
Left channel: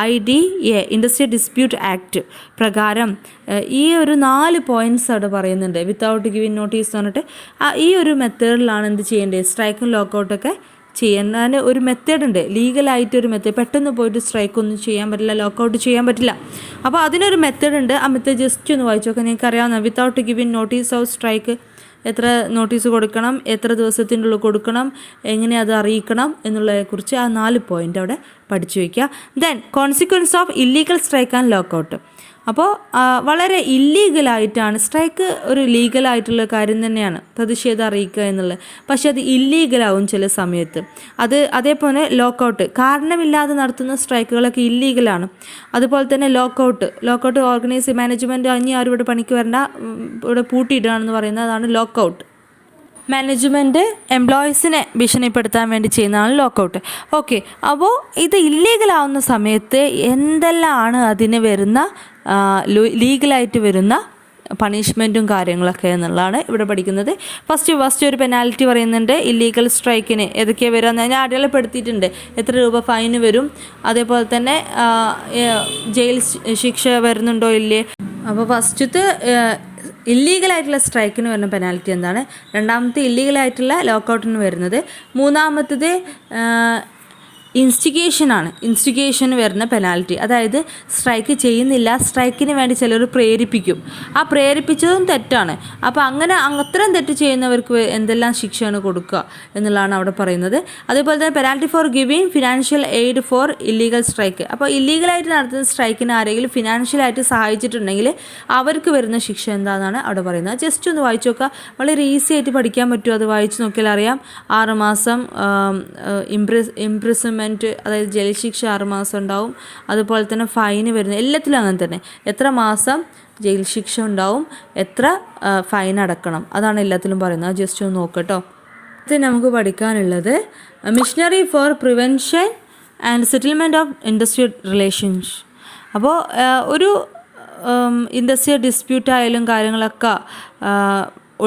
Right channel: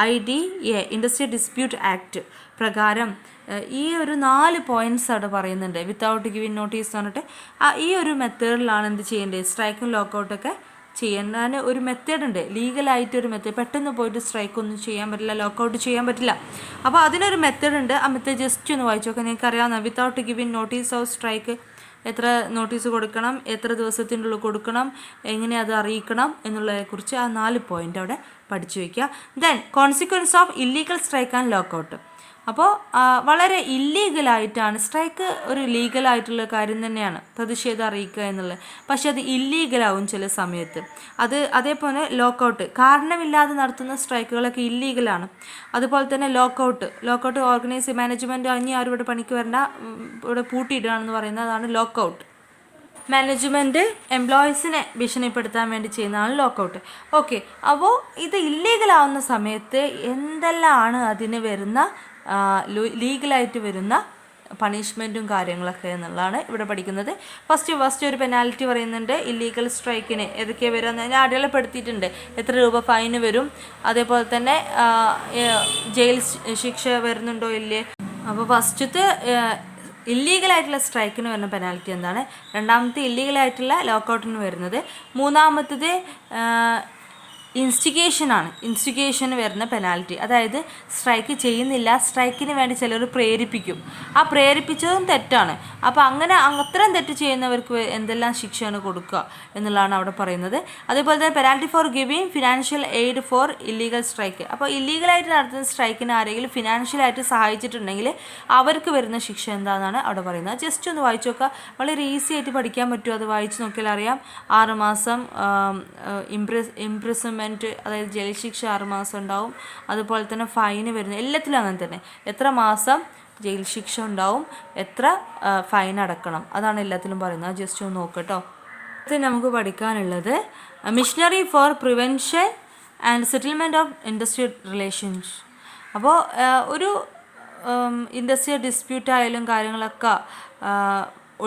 IDA industrial dispute act പ്രകാരം ഈ ഒരു 4 പോയിൻറ്റ്സ് അവിടെ പറയുന്നുണ്ട്. വിത്തൗട്ട് ഗിവിങ് നോട്ടീസ് എന്ന് പറഞ്ഞിട്ട് ഈ ഒരു മെത്തേഡിലാണ് എന്ത് ചെയ്യേണ്ടത്, സ്ട്രൈക്കും ലോക്കൗട്ടൊക്കെ ചെയ്യാൻ ഒരു മെത്തേഡ് ഉണ്ട്, ലീഗലായിട്ടൊരു മെത്തേഡ്. പെട്ടെന്ന് പോയിട്ട് സ്ട്രൈക്കൊന്നും ചെയ്യാൻ പറ്റില്ല, ലോക്കൗട്ട് ചെയ്യാൻ പറ്റില്ല. അപ്പോൾ അതിനൊരു മെത്തേഡ് ഉണ്ട്. ആ മെത്തേഡ് ജസ്റ്റ് ഒന്ന് വായിച്ചു നോക്കാം, നിങ്ങൾക്ക് അറിയാവുന്ന. Without giving notice of strike, എത്ര നോട്ടീസ് കൊടുക്കണം, എത്ര ദിവസത്തിൻ്റെ ഉള്ളിൽ കൊടുക്കണം, എങ്ങനെ അത് അറിയിക്കണം എന്നുള്ളതിനെക്കുറിച്ച് ആ 4 പോയിൻ്റ് അവിടെ പഠിച്ചു വയ്ക്കുക. Then consequence of illegal strike and lockout. അപ്പോൾ വളരെ ഇല്ലീഗലായിട്ടാണ് സ്ട്രൈക്ക്, ഒരു ലീഗലായിട്ടുള്ള കാര്യം തന്നെയാണ് പ്രതിഷേധം അറിയിക്കുക എന്നുള്ളത്. പക്ഷെ അത് ഇല്ലീഗലാവും ചില സമയത്ത്. അതേപോലെ ലോക്കൗട്ട്, കാരണമില്ലാതെ നടത്തുന്ന സ്ട്രൈക്കുകളൊക്കെ ഇല്ലീഗലാണ്. അതുപോലെ തന്നെ ലോക്കൗട്ട് ഓർഗനൈസ് മാനേജ്മെൻറ്റ് ഇനി ആരും ഇവിടെ പണിക്ക് വരണ്ട, ഇവിടെ പൂട്ടിയിടുകയാണെന്ന് പറയുന്നത്, അതാണ് ലോക്കൗട്ട്. മാനേജ്മെൻറ്റ് എംപ്ലോയീസിനെ ഭീഷണിപ്പെടുത്താൻ വേണ്ടി ചെയ്യുന്നതാണ് ലോക്കൗട്ട്. ഓക്കെ, അപ്പോൾ ഇത് ഇല്ലീഗലാവുന്ന സമയത്ത് എന്തെല്ലാമാണ് അതിന് വരുന്ന ലീഗലായിട്ട് വരുന്ന പണിഷ്മെൻറ്റും കാര്യങ്ങളൊക്കെ എന്നുള്ളതാണ് ഇവിടെ പഠിക്കുന്നത്. ഫസ്റ്റ് ഒരു പെനാൽറ്റി പറയുന്നുണ്ട്. ഇല്ലീഗൽ സ്ട്രൈക്കിന് ഏതൊക്കെയാണ് വരിക എന്ന് ഞാൻ അടയാളപ്പെടുത്തിയിട്ടുണ്ട്. എത്ര രൂപ ഫൈന് വരും, അതേപോലെ തന്നെ ജയിൽ ശിക്ഷ വരുന്നുണ്ടോ ഇല്ലേ. അപ്പോൾ ഫസ്റ്റത്തെ ഇല്ലീഗലായിട്ടുള്ള സ്ട്രൈക്കിന് വരുന്ന പെനാൽറ്റി എന്താണ്, രണ്ടാമത്തെ ഇല്ലീഗലായിട്ടുള്ള ലോക്കൗട്ടിന് വരുന്നത്, മൂന്നാമത്തത് ഇൻസ്റ്റിഗേഷന് വരുന്ന പെനാൽറ്റി. അതായത് സ്ട്രൈക്ക് ചെയ്യുന്നില്ല, സ്ട്രൈക്കിന് വേണ്ടി ചിലർ പ്രേരിപ്പിക്കും, ആ പ്രേരിപ്പിച്ചതും തെറ്റാണ്. അപ്പോൾ അത്തരം തെറ്റ് ചെയ്യുന്നവർക്ക് എന്തെല്ലാം ശിക്ഷയാണ് കൊടുക്കുക എന്നുള്ളതാണ് അവിടെ പറയുന്നത്. അതേപോലെ തന്നെ penalty for giving financial aid for illegal strike. അപ്പോൾ ഇല്ലീഗലായിട്ട് നടത്തുന്ന സ്ട്രൈക്കിന് ആരെങ്കിലും ഫിനാൻഷ്യലായിട്ട് സഹായിച്ചിട്ടുണ്ടെങ്കിൽ അവർക്ക് വരുന്ന ശിക്ഷ എന്താണെന്നാണ് അവിടെ പറയുന്നത്. ജസ്റ്റ് ഒന്ന് വായിച്ചു നോക്കുക, വളരെ ഈസി ആയിട്ട് പഠിക്കാൻ പറ്റും. അത് വായിച്ചു നോക്കിയാൽ അറിയാം. 6 മാസം ഇംപ്രിസൺമെൻറ്റ്, അതായത് ജയിൽ ശിക്ഷ 6 മാസം ഉണ്ടാവും. അതുപോലെ തന്നെ ഫൈന് വരുന്നത് എല്ലാത്തിലും അങ്ങനെ തന്നെ, എത്ര മാസം ജയിൽ ശിക്ഷ ഉണ്ടാവും, എത്ര ഫൈൻ അടക്കണം, അതാണ് എല്ലാത്തിലും പറയുന്നത്. ജസ്റ്റ് ഒന്ന് നോക്കട്ടോ. ഇത് നമുക്ക് പഠിക്കാനുള്ളത് machinery for prevention and settlement of industrial relations. അപ്പോൾ ഒരു ഇൻഡസ്ട്രിയൽ ഡിസ്പ്യൂട്ടായാലും കാര്യങ്ങളൊക്കെ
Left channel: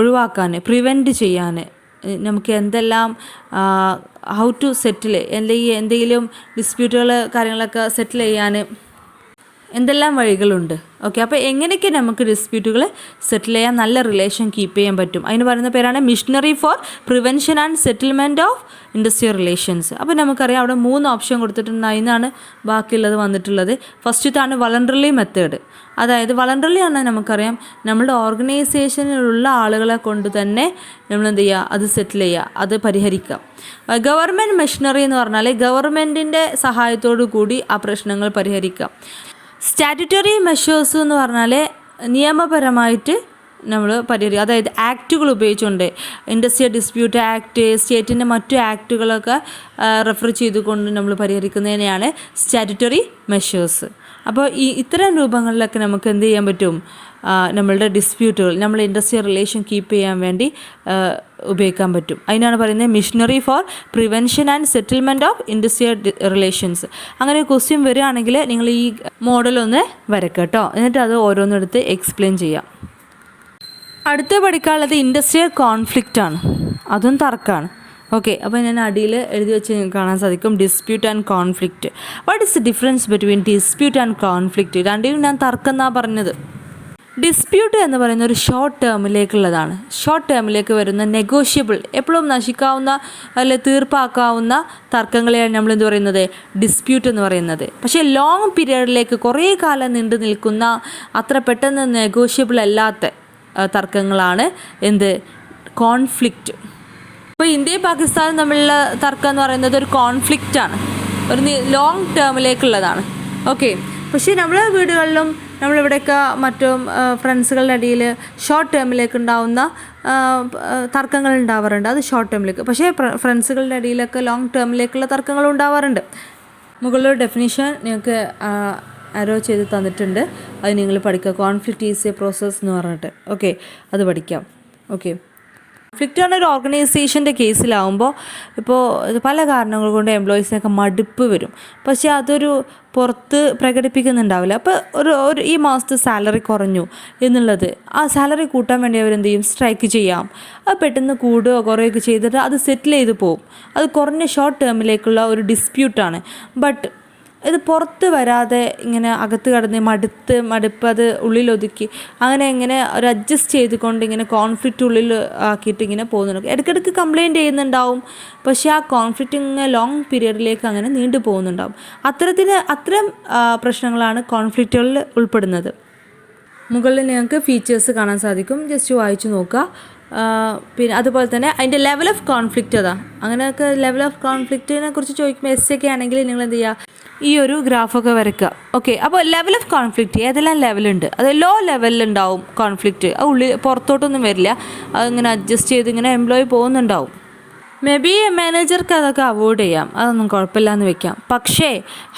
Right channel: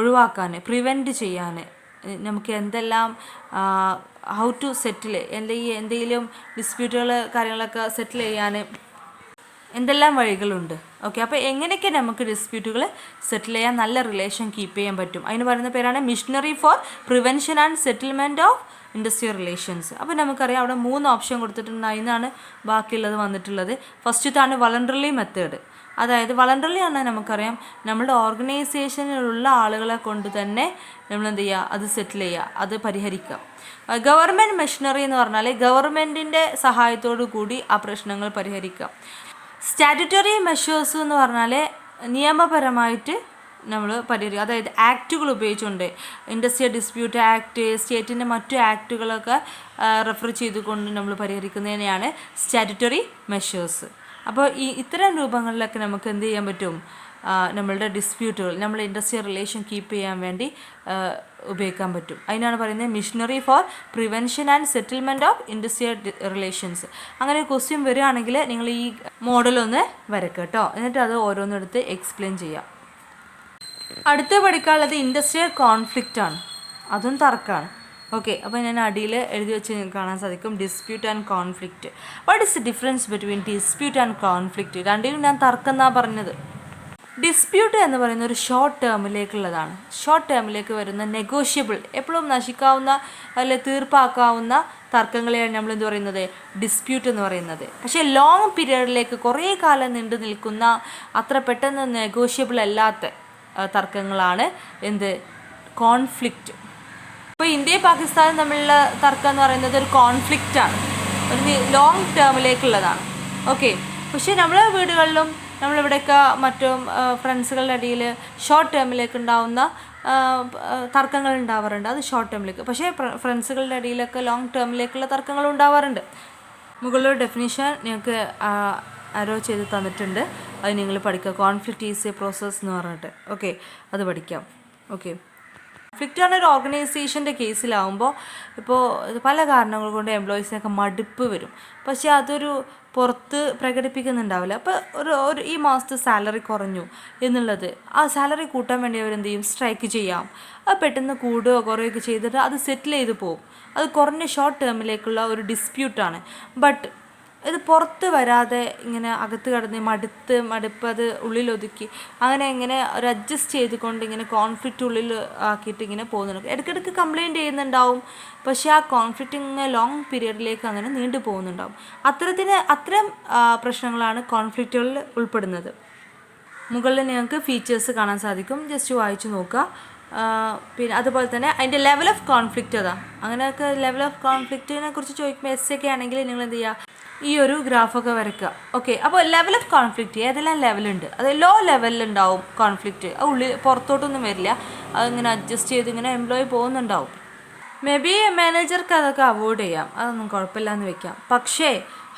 ഒഴിവാക്കാൻ, പ്രിവെൻറ്റ് ചെയ്യാൻ നമുക്ക് എന്തെല്ലാം ഹൗ ടു സെറ്റിൽ, എന്തെങ്കിലും ഡിസ്പ്യൂട്ടുകൾ കാര്യങ്ങളൊക്കെ സെറ്റിൽ ചെയ്യാൻ എന്തെല്ലാം വഴികളുണ്ട്. ഓക്കെ, അപ്പോൾ എങ്ങനെയൊക്കെ നമുക്ക് ഡിസ്പ്യൂട്ടുകൾ സെറ്റിൽ ചെയ്യാൻ, നല്ല റിലേഷൻ കീപ്പ് ചെയ്യാൻ പറ്റും, അതിന് പറയുന്ന പേരാണ് machinery for prevention and settlement of industrial relations. അപ്പോൾ നമുക്കറിയാം അവിടെ 3 ഓപ്ഷൻ കൊടുത്തിട്ടുണ്ട്, അതിനാണ് ബാക്കിയുള്ളത് വന്നിട്ടുള്ളത്. ഫസ്റ്റത്താണ് വളണ്ടറിലി മെത്തേഡ്. അതായത് വളണ്ടറിലി പറഞ്ഞാൽ നമുക്കറിയാം നമ്മളുടെ ഓർഗനൈസേഷനിലുള്ള ആളുകളെ കൊണ്ട് തന്നെ നമ്മൾ എന്ത് ചെയ്യുക, അത് സെറ്റിൽ ചെയ്യുക, അത് പരിഹരിക്കുക. ഗവൺമെൻറ് മെഷീനറി എന്ന് പറഞ്ഞാൽ ഗവൺമെൻറ്റിൻ്റെ സഹായത്തോടു കൂടി ആ പ്രശ്നങ്ങൾ പരിഹരിക്കുക. സ്റ്റാറ്റ്യൂട്ടറി മെഷേഴ്സ് എന്ന് പറഞ്ഞാൽ നിയമപരമായിട്ട് നമ്മൾ പരിഹരിക്കുക, അതായത് ആക്റ്റുകൾ ഉപയോഗിച്ചുകൊണ്ട്, ഇൻഡസ്ട്രിയൽ ഡിസ്പ്യൂട്ട് ആക്ട്, സ്റ്റേറ്റിൻ്റെ മറ്റു ആക്റ്റുകളൊക്കെ റെഫർ ചെയ്തുകൊണ്ട് നമ്മൾ പരിഹരിക്കുന്നതിനെയാണ് സ്റ്റാറ്റ്യൂട്ടറി മെഷേഴ്സ്. അപ്പോൾ ഇത്തരം രൂപങ്ങളിലൊക്കെ നമുക്ക് എന്ത് ചെയ്യാൻ പറ്റും, നമ്മളുടെ ഡിസ്പ്യൂട്ടുകൾ, നമ്മൾ ഇൻഡസ്ട്രിയൽ റിലേഷൻ കീപ്പ് ചെയ്യാൻ വേണ്ടി ഉപയോഗിക്കാൻ പറ്റും. അതിനാണ് പറയുന്നത് machinery for prevention and settlement of industrial relations. അങ്ങനെ ഒരു ക്വസ്റ്റ്യൻ വരികയാണെങ്കിൽ നിങ്ങൾ ഈ മോഡലൊന്ന് വരക്കുക കേട്ടോ, എന്നിട്ട് അത് ഓരോന്നെടുത്ത് എക്സ്പ്ലെയിൻ ചെയ്യാം. അടുത്ത പഠിക്കാനുള്ളത് ഇൻഡസ്ട്രിയൽ കോൺഫ്ലിക്റ്റാണ്, അതും തർക്കമാണ്. ഓക്കെ, അപ്പോൾ ഞാൻ അടിയിൽ എഴുതി വെച്ച് കാണാൻ സാധിക്കും dispute and conflict. What is the difference between dispute and conflict? രണ്ടിനും ഞാൻ തർക്കം എന്നാണ് പറഞ്ഞത്. ഡിസ്പ്യൂട്ട് എന്ന് പറയുന്ന ഒരു ഷോർട്ട് ടേമിലേക്കുള്ളതാണ്. ഷോർട്ട് ടേമിലേക്ക് വരുന്ന നെഗോഷ്യബിൾ, എപ്പോഴും നശിക്കാവുന്ന അല്ലെ തീർപ്പാക്കാവുന്ന തർക്കങ്ങളെയാണ് നമ്മൾ എന്ത് പറയുന്നത്, ഡിസ്പ്യൂട്ട് എന്ന് പറയുന്നത്. പക്ഷേ ലോങ് പീരിയഡിലേക്ക് കുറേ കാലം നീണ്ടു നിൽക്കുന്ന അത്ര പെട്ടെന്ന് നെഗോഷ്യബിൾ അല്ലാത്ത തർക്കങ്ങളാണ് എന്ത്, കോൺഫ്ലിക്റ്റ്. ഇപ്പോൾ ഇന്ത്യയും പാകിസ്ഥാനും തമ്മിലുള്ള തർക്കം എന്ന് പറയുന്നത് ഒരു കോൺഫ്ലിക്റ്റാണ്, ഒരു ലോങ് ടേമിലേക്കുള്ളതാണ്. ഓക്കെ. പക്ഷേ നമ്മളെ വീടുകളിലും നമ്മളിവിടെയൊക്കെ മറ്റും ഫ്രണ്ട്സുകളുടെ ഇടയിൽ ഷോർട്ട് ടേമിലേക്ക് ഉണ്ടാവുന്ന തർക്കങ്ങൾ ഉണ്ടാവാറുണ്ട്. അത് ഷോർട്ട് ടേമിലേക്ക്. പക്ഷേ ഫ്രണ്ട്സുകളുടെ ഇടയിലൊക്കെ ലോങ് ടേമിലേക്കുള്ള തർക്കങ്ങൾ ഉണ്ടാവാറുണ്ട്. മുകളിലൊരു ഡെഫിനിഷൻ നിങ്ങൾക്ക് അരോ ചെയ്ത് തന്നിട്ടുണ്ട്, അത് നിങ്ങൾ പഠിക്കുക. കോൺഫ്ലിക്റ്റ് ഈസ് എ പ്രോസസ് എന്ന് പറഞ്ഞിട്ട്. ഓക്കെ, അത് പഠിക്കാം. ഓക്കെ. കോൺഫ്ലിക്റ്റ് പറഞ്ഞ ഒരു ഓർഗനൈസേഷൻ്റെ കേസിലാവുമ്പോൾ ഇപ്പോൾ പല കാരണങ്ങൾ കൊണ്ട് എംപ്ലോയീസിനൊക്കെ മടുപ്പ് വരും. പക്ഷേ അതൊരു പുറത്ത് പ്രകടിപ്പിക്കുന്നുണ്ടാവില്ല. അപ്പോൾ ഒരു ഈ മാസത്തെ സാലറി കുറഞ്ഞു എന്നുള്ളത്, ആ സാലറി കൂട്ടാൻ വേണ്ടി അവരെന്ത് ചെയ്യും, സ്ട്രൈക്ക് ചെയ്യാം. അത് പെട്ടെന്ന് കൂടുകയോ കുറയുകയൊക്കെ ചെയ്തിട്ട് അത് സെറ്റിൽ ചെയ്ത് പോകും. അത് കുറഞ്ഞ ഷോർട്ട് ടേമിലേക്കുള്ള ഒരു ഡിസ്പ്യൂട്ടാണ്. ബട്ട് ഇത് പുറത്ത് വരാതെ ഇങ്ങനെ അകത്ത് കടന്ന് മടുപ്പ് അത് ഉള്ളിലൊതുക്കി ഇങ്ങനെ ഒരു അഡ്ജസ്റ്റ് ചെയ്തുകൊണ്ട് ഇങ്ങനെ കോൺഫ്ലിക്റ്റ് ഉള്ളിൽ ആക്കിയിട്ട് ഇങ്ങനെ പോകുന്നുണ്ട്. ഇടയ്ക്കിടയ്ക്ക് കംപ്ലയിൻറ്റ് ചെയ്യുന്നുണ്ടാവും. പക്ഷേ ആ കോൺഫ്ലിക്റ്റ് ഇങ്ങനെ ലോങ് പീരിയഡിലേക്ക് അങ്ങനെ നീണ്ടു പോകുന്നുണ്ടാവും. അത്തരം പ്രശ്നങ്ങളാണ് കോൺഫ്ലിക്റ്റുകളിൽ ഉൾപ്പെടുന്നത്. മുകളിൽ നിങ്ങൾക്ക് ഫീച്ചേഴ്സ് കാണാൻ സാധിക്കും, ജസ്റ്റ് വായിച്ചു നോക്കുക. പിന്നെ അതുപോലെ തന്നെ അതിൻ്റെ ലെവൽ ഓഫ് കോൺഫ്ലിക്റ്റ് അതാ. അങ്ങനെയൊക്കെ ലെവൽ ഓഫ് കോൺഫ്ലിക്റ്റിനെ കുറിച്ച് ചോദിക്കുമ്പോൾ എസ് ഒക്കെ ആണെങ്കിൽ നിങ്ങൾ എന്ത് ചെയ്യുക, ഈ ഒരു ഗ്രാഫൊക്കെ വരയ്ക്കുക. ഓക്കെ. അപ്പോൾ ലെവൽ ഓഫ് കോൺഫ്ലിക്റ്റ് ഏതെല്ലാം ലെവലുണ്ട്, അത് ലോ ലെവലിലുണ്ടാവും കോൺഫ്ലിക്റ്റ്. അത് പുറത്തോട്ടൊന്നും വരില്ല, അതിങ്ങനെ അഡ്ജസ്റ്റ് ചെയ്ത് ഇങ്ങനെ എംപ്ലോയി പോകുന്നുണ്ടാവും. മേ ബി മാനേജർക്ക് അതൊക്കെ അവോയ്ഡ് ചെയ്യാം, അതൊന്നും കുഴപ്പമില്ല എന്ന് വെക്കാം. പക്ഷേ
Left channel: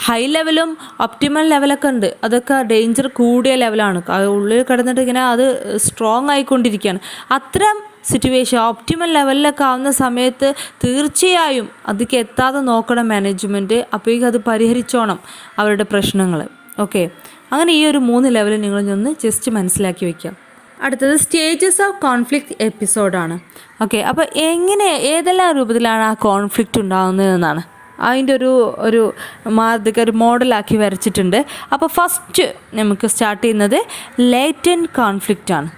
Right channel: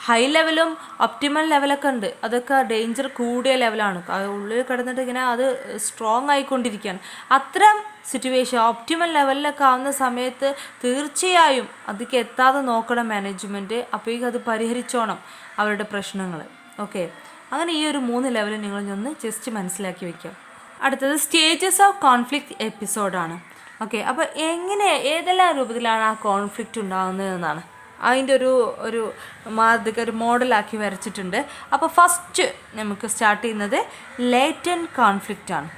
ഹൈ ലെവലും ഒപ്റ്റിമൽ ലെവലൊക്കെ ഉണ്ട്, അതൊക്കെ ഡേഞ്ചർ കൂടിയ ലെവലാണ്. ഉള്ളിൽ കിടന്നിട്ട് ഇങ്ങനെ അത് സ്ട്രോങ് ആയിക്കൊണ്ടിരിക്കുകയാണ്. അത്തരം സിറ്റുവേഷൻ ഒപ്റ്റിമൽ ലെവലിലൊക്കെ ആവുന്ന സമയത്ത് തീർച്ചയായും അതിലേക്ക് എത്താതെ നോക്കണം മാനേജ്മെൻറ്റ്. അപ്പോഴേക്കും അത് പരിഹരിച്ചോണം അവരുടെ പ്രശ്നങ്ങൾ. ഓക്കെ. അങ്ങനെ ഈ ഒരു 3 ലെവൽ നിങ്ങളൊന്ന് ജസ്റ്റ് മനസ്സിലാക്കി വയ്ക്കാം. അടുത്തത് സ്റ്റേജസ് ഓഫ് കോൺഫ്ലിക്റ്റ് എപ്പിസോഡാണ്. ഓക്കെ. അപ്പോൾ ഏതെല്ലാം രൂപത്തിലാണ് ആ കോൺഫ്ലിക്റ്റ് ഉണ്ടാകുന്നതെന്നാണ് അതിൻ്റെ ഒരു മോഡലാക്കി വരച്ചിട്ടുണ്ട്. അപ്പോൾ ഫസ്റ്റ് നമുക്ക് സ്റ്റാർട്ട് ചെയ്യുന്നത് ലേറ്റൻറ്റ് കോൺഫ്ലിക്റ്റാണ്.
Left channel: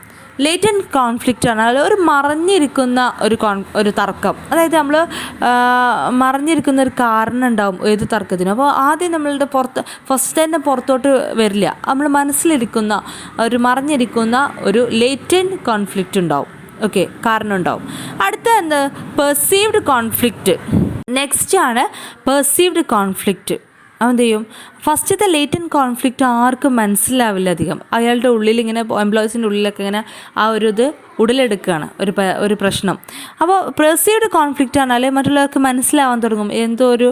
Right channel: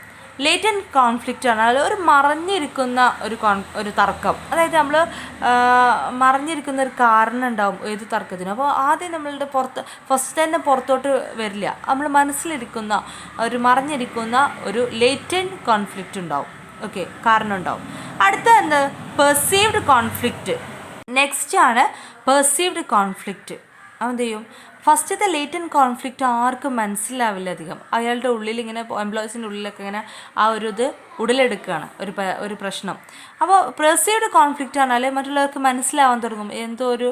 ലേറ്റൻറ്റ് കോൺഫ്ലിക്റ്റ് ആണ് ഒരു മറഞ്ഞിരിക്കുന്ന ഒരു തർക്കം. അതായത് നമ്മൾ മറഞ്ഞിരിക്കുന്ന ഒരു കാരണം ഉണ്ടാവും ഏത് തർക്കത്തിനും. അപ്പോൾ ആദ്യം നമ്മളുടെ ഫസ്റ്റ് തന്നെ പുറത്തോട്ട് വരില്ല, നമ്മൾ മനസ്സിലിരിക്കുന്ന മറഞ്ഞിരിക്കുന്ന ഒരു ലേറ്റൻറ്റ് കോൺഫ്ലിക്റ്റ് ഉണ്ടാവും. ഓക്കെ, കാരണം ഉണ്ടാവും. അടുത്ത എന്ത്, പെർസീവ്ഡ് കോൺഫ്ലിക്റ്റ്. നെക്സ്റ്റ് ആണ് പെർസീവ്ഡ് കോൺഫ്ലിക്റ്റ്. അവന്ത് ചെയ്യും, ഫസ്റ്റത്തെ ലേറ്റൻറ്റ് കോൺഫ്ലിക്റ്റ് ആർക്കും മനസ്സിലാവില്ല അധികം. അയാളുടെ ഉള്ളിൽ ഇങ്ങനെ എംപ്ലോയീസിൻ്റെ ഉള്ളിലൊക്കെ ഇങ്ങനെ ഇത് ഉടലെടുക്കുകയാണ് ഒരു പ്രശ്നം. അപ്പോൾ പെർസീവ്ഡ് കോൺഫ്ലിക്റ്റ് ആണെങ്കിൽ മറ്റുള്ളവർക്ക് മനസ്സിലാവാൻ തുടങ്ങും എന്തോ ഒരു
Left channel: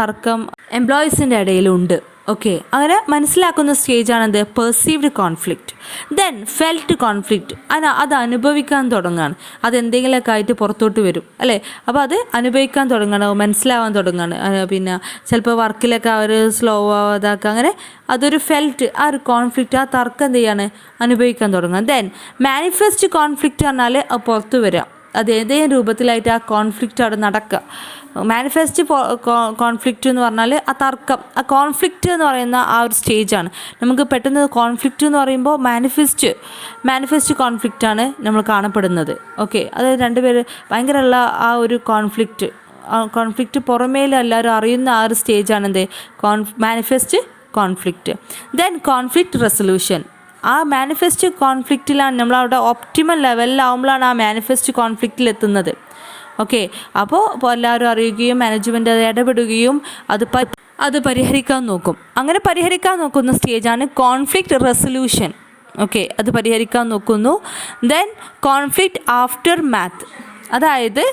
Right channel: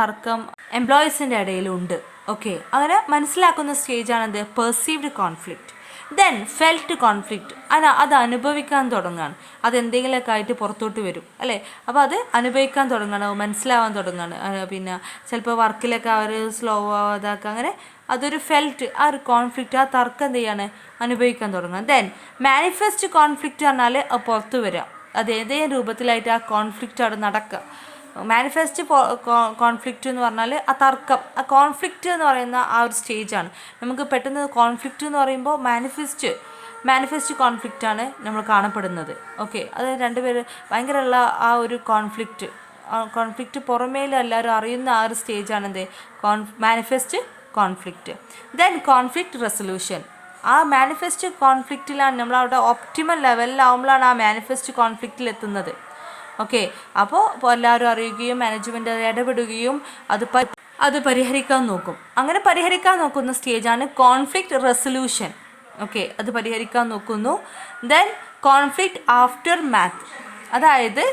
തർക്കം എംപ്ലോയീസിൻ്റെ ഇടയിലുണ്ട്. ഓക്കെ, അങ്ങനെ മനസ്സിലാക്കുന്ന സ്റ്റേജാണെന്ത്, perceived conflict. Then felt conflict. അത് അനുഭവിക്കാൻ തുടങ്ങുകയാണ്, അതെന്തെങ്കിലുമൊക്കെ ആയിട്ട് പുറത്തോട്ട് വരും അല്ലേ. അപ്പോൾ അത് അനുഭവിക്കാൻ തുടങ്ങുകയാണ്, മനസ്സിലാവാൻ തുടങ്ങുകയാണ്. പിന്നെ ചിലപ്പോൾ വർക്കിലൊക്കെ അവർ സ്ലോ ആവാതാക്കുക, അങ്ങനെ അതൊരു ഫെൽറ്റ്, ആ ഒരു കോൺഫ്ലിക്റ്റ്, ആ തർക്കം എന്ത് ചെയ്യാണ്, അനുഭവിക്കാൻ തുടങ്ങുക. ദെൻ മാനിഫെസ്റ്റ് കോൺഫ്ലിക്റ്റ് പറഞ്ഞാൽ പുറത്ത് വരിക, അത് ഏതെങ്കിലും രൂപത്തിലായിട്ട് ആ കോൺഫ്ലിക്റ്റ് അവിടെ നടക്കുക. മാനിഫെസ്റ്റ് കോൺഫ്ലിക്റ്റ് എന്ന് പറഞ്ഞാൽ ആ തർക്കം, ആ കോൺഫ്ലിക്റ്റ് എന്ന് പറയുന്ന ആ ഒരു സ്റ്റേജാണ്. നമുക്ക് പെട്ടെന്ന് കോൺഫ്ലിക്റ്റ് എന്ന് പറയുമ്പോൾ മാനിഫെസ്റ്റ് കോൺഫ്ലിക്റ്റാണ് നമ്മൾ കാണപ്പെടുന്നത്. ഓക്കെ, അത് രണ്ടുപേര് ഭയങ്കരമുള്ള ആ ഒരു കോൺഫ്ലിക്റ്റ് പുറമേലും എല്ലാവരും അറിയുന്ന ആ ഒരു സ്റ്റേജാണ് എന്ത്, manifest conflict. Then conflict resolution. ആ മാനിഫെസ്റ്റ് കോൺഫ്ലിക്റ്റിലാണ് നമ്മളവിടെ ഒപ്റ്റിമൽ ലെവലിലാവുമ്പോഴാണ് ആ മാനിഫെസ്റ്റ് കോൺഫ്ലിക്റ്റിൽ എത്തുന്നത്. ഓക്കെ, അപ്പോൾ എല്ലാവരും അറിയുകയും മാനേജ്മെൻറ്റ് അത് ഇടപെടുകയും അത് പരിഹരിക്കാൻ നോക്കും. അങ്ങനെ പരിഹരിക്കാൻ നോക്കുന്ന സ്റ്റേജാണ് കോൺഫ്ലിക്റ്റ് റെസൊല്യൂഷൻ. ഓക്കെ, അത് പരിഹരിക്കാൻ നോക്കുന്നു. Then conflict after math. അതായത്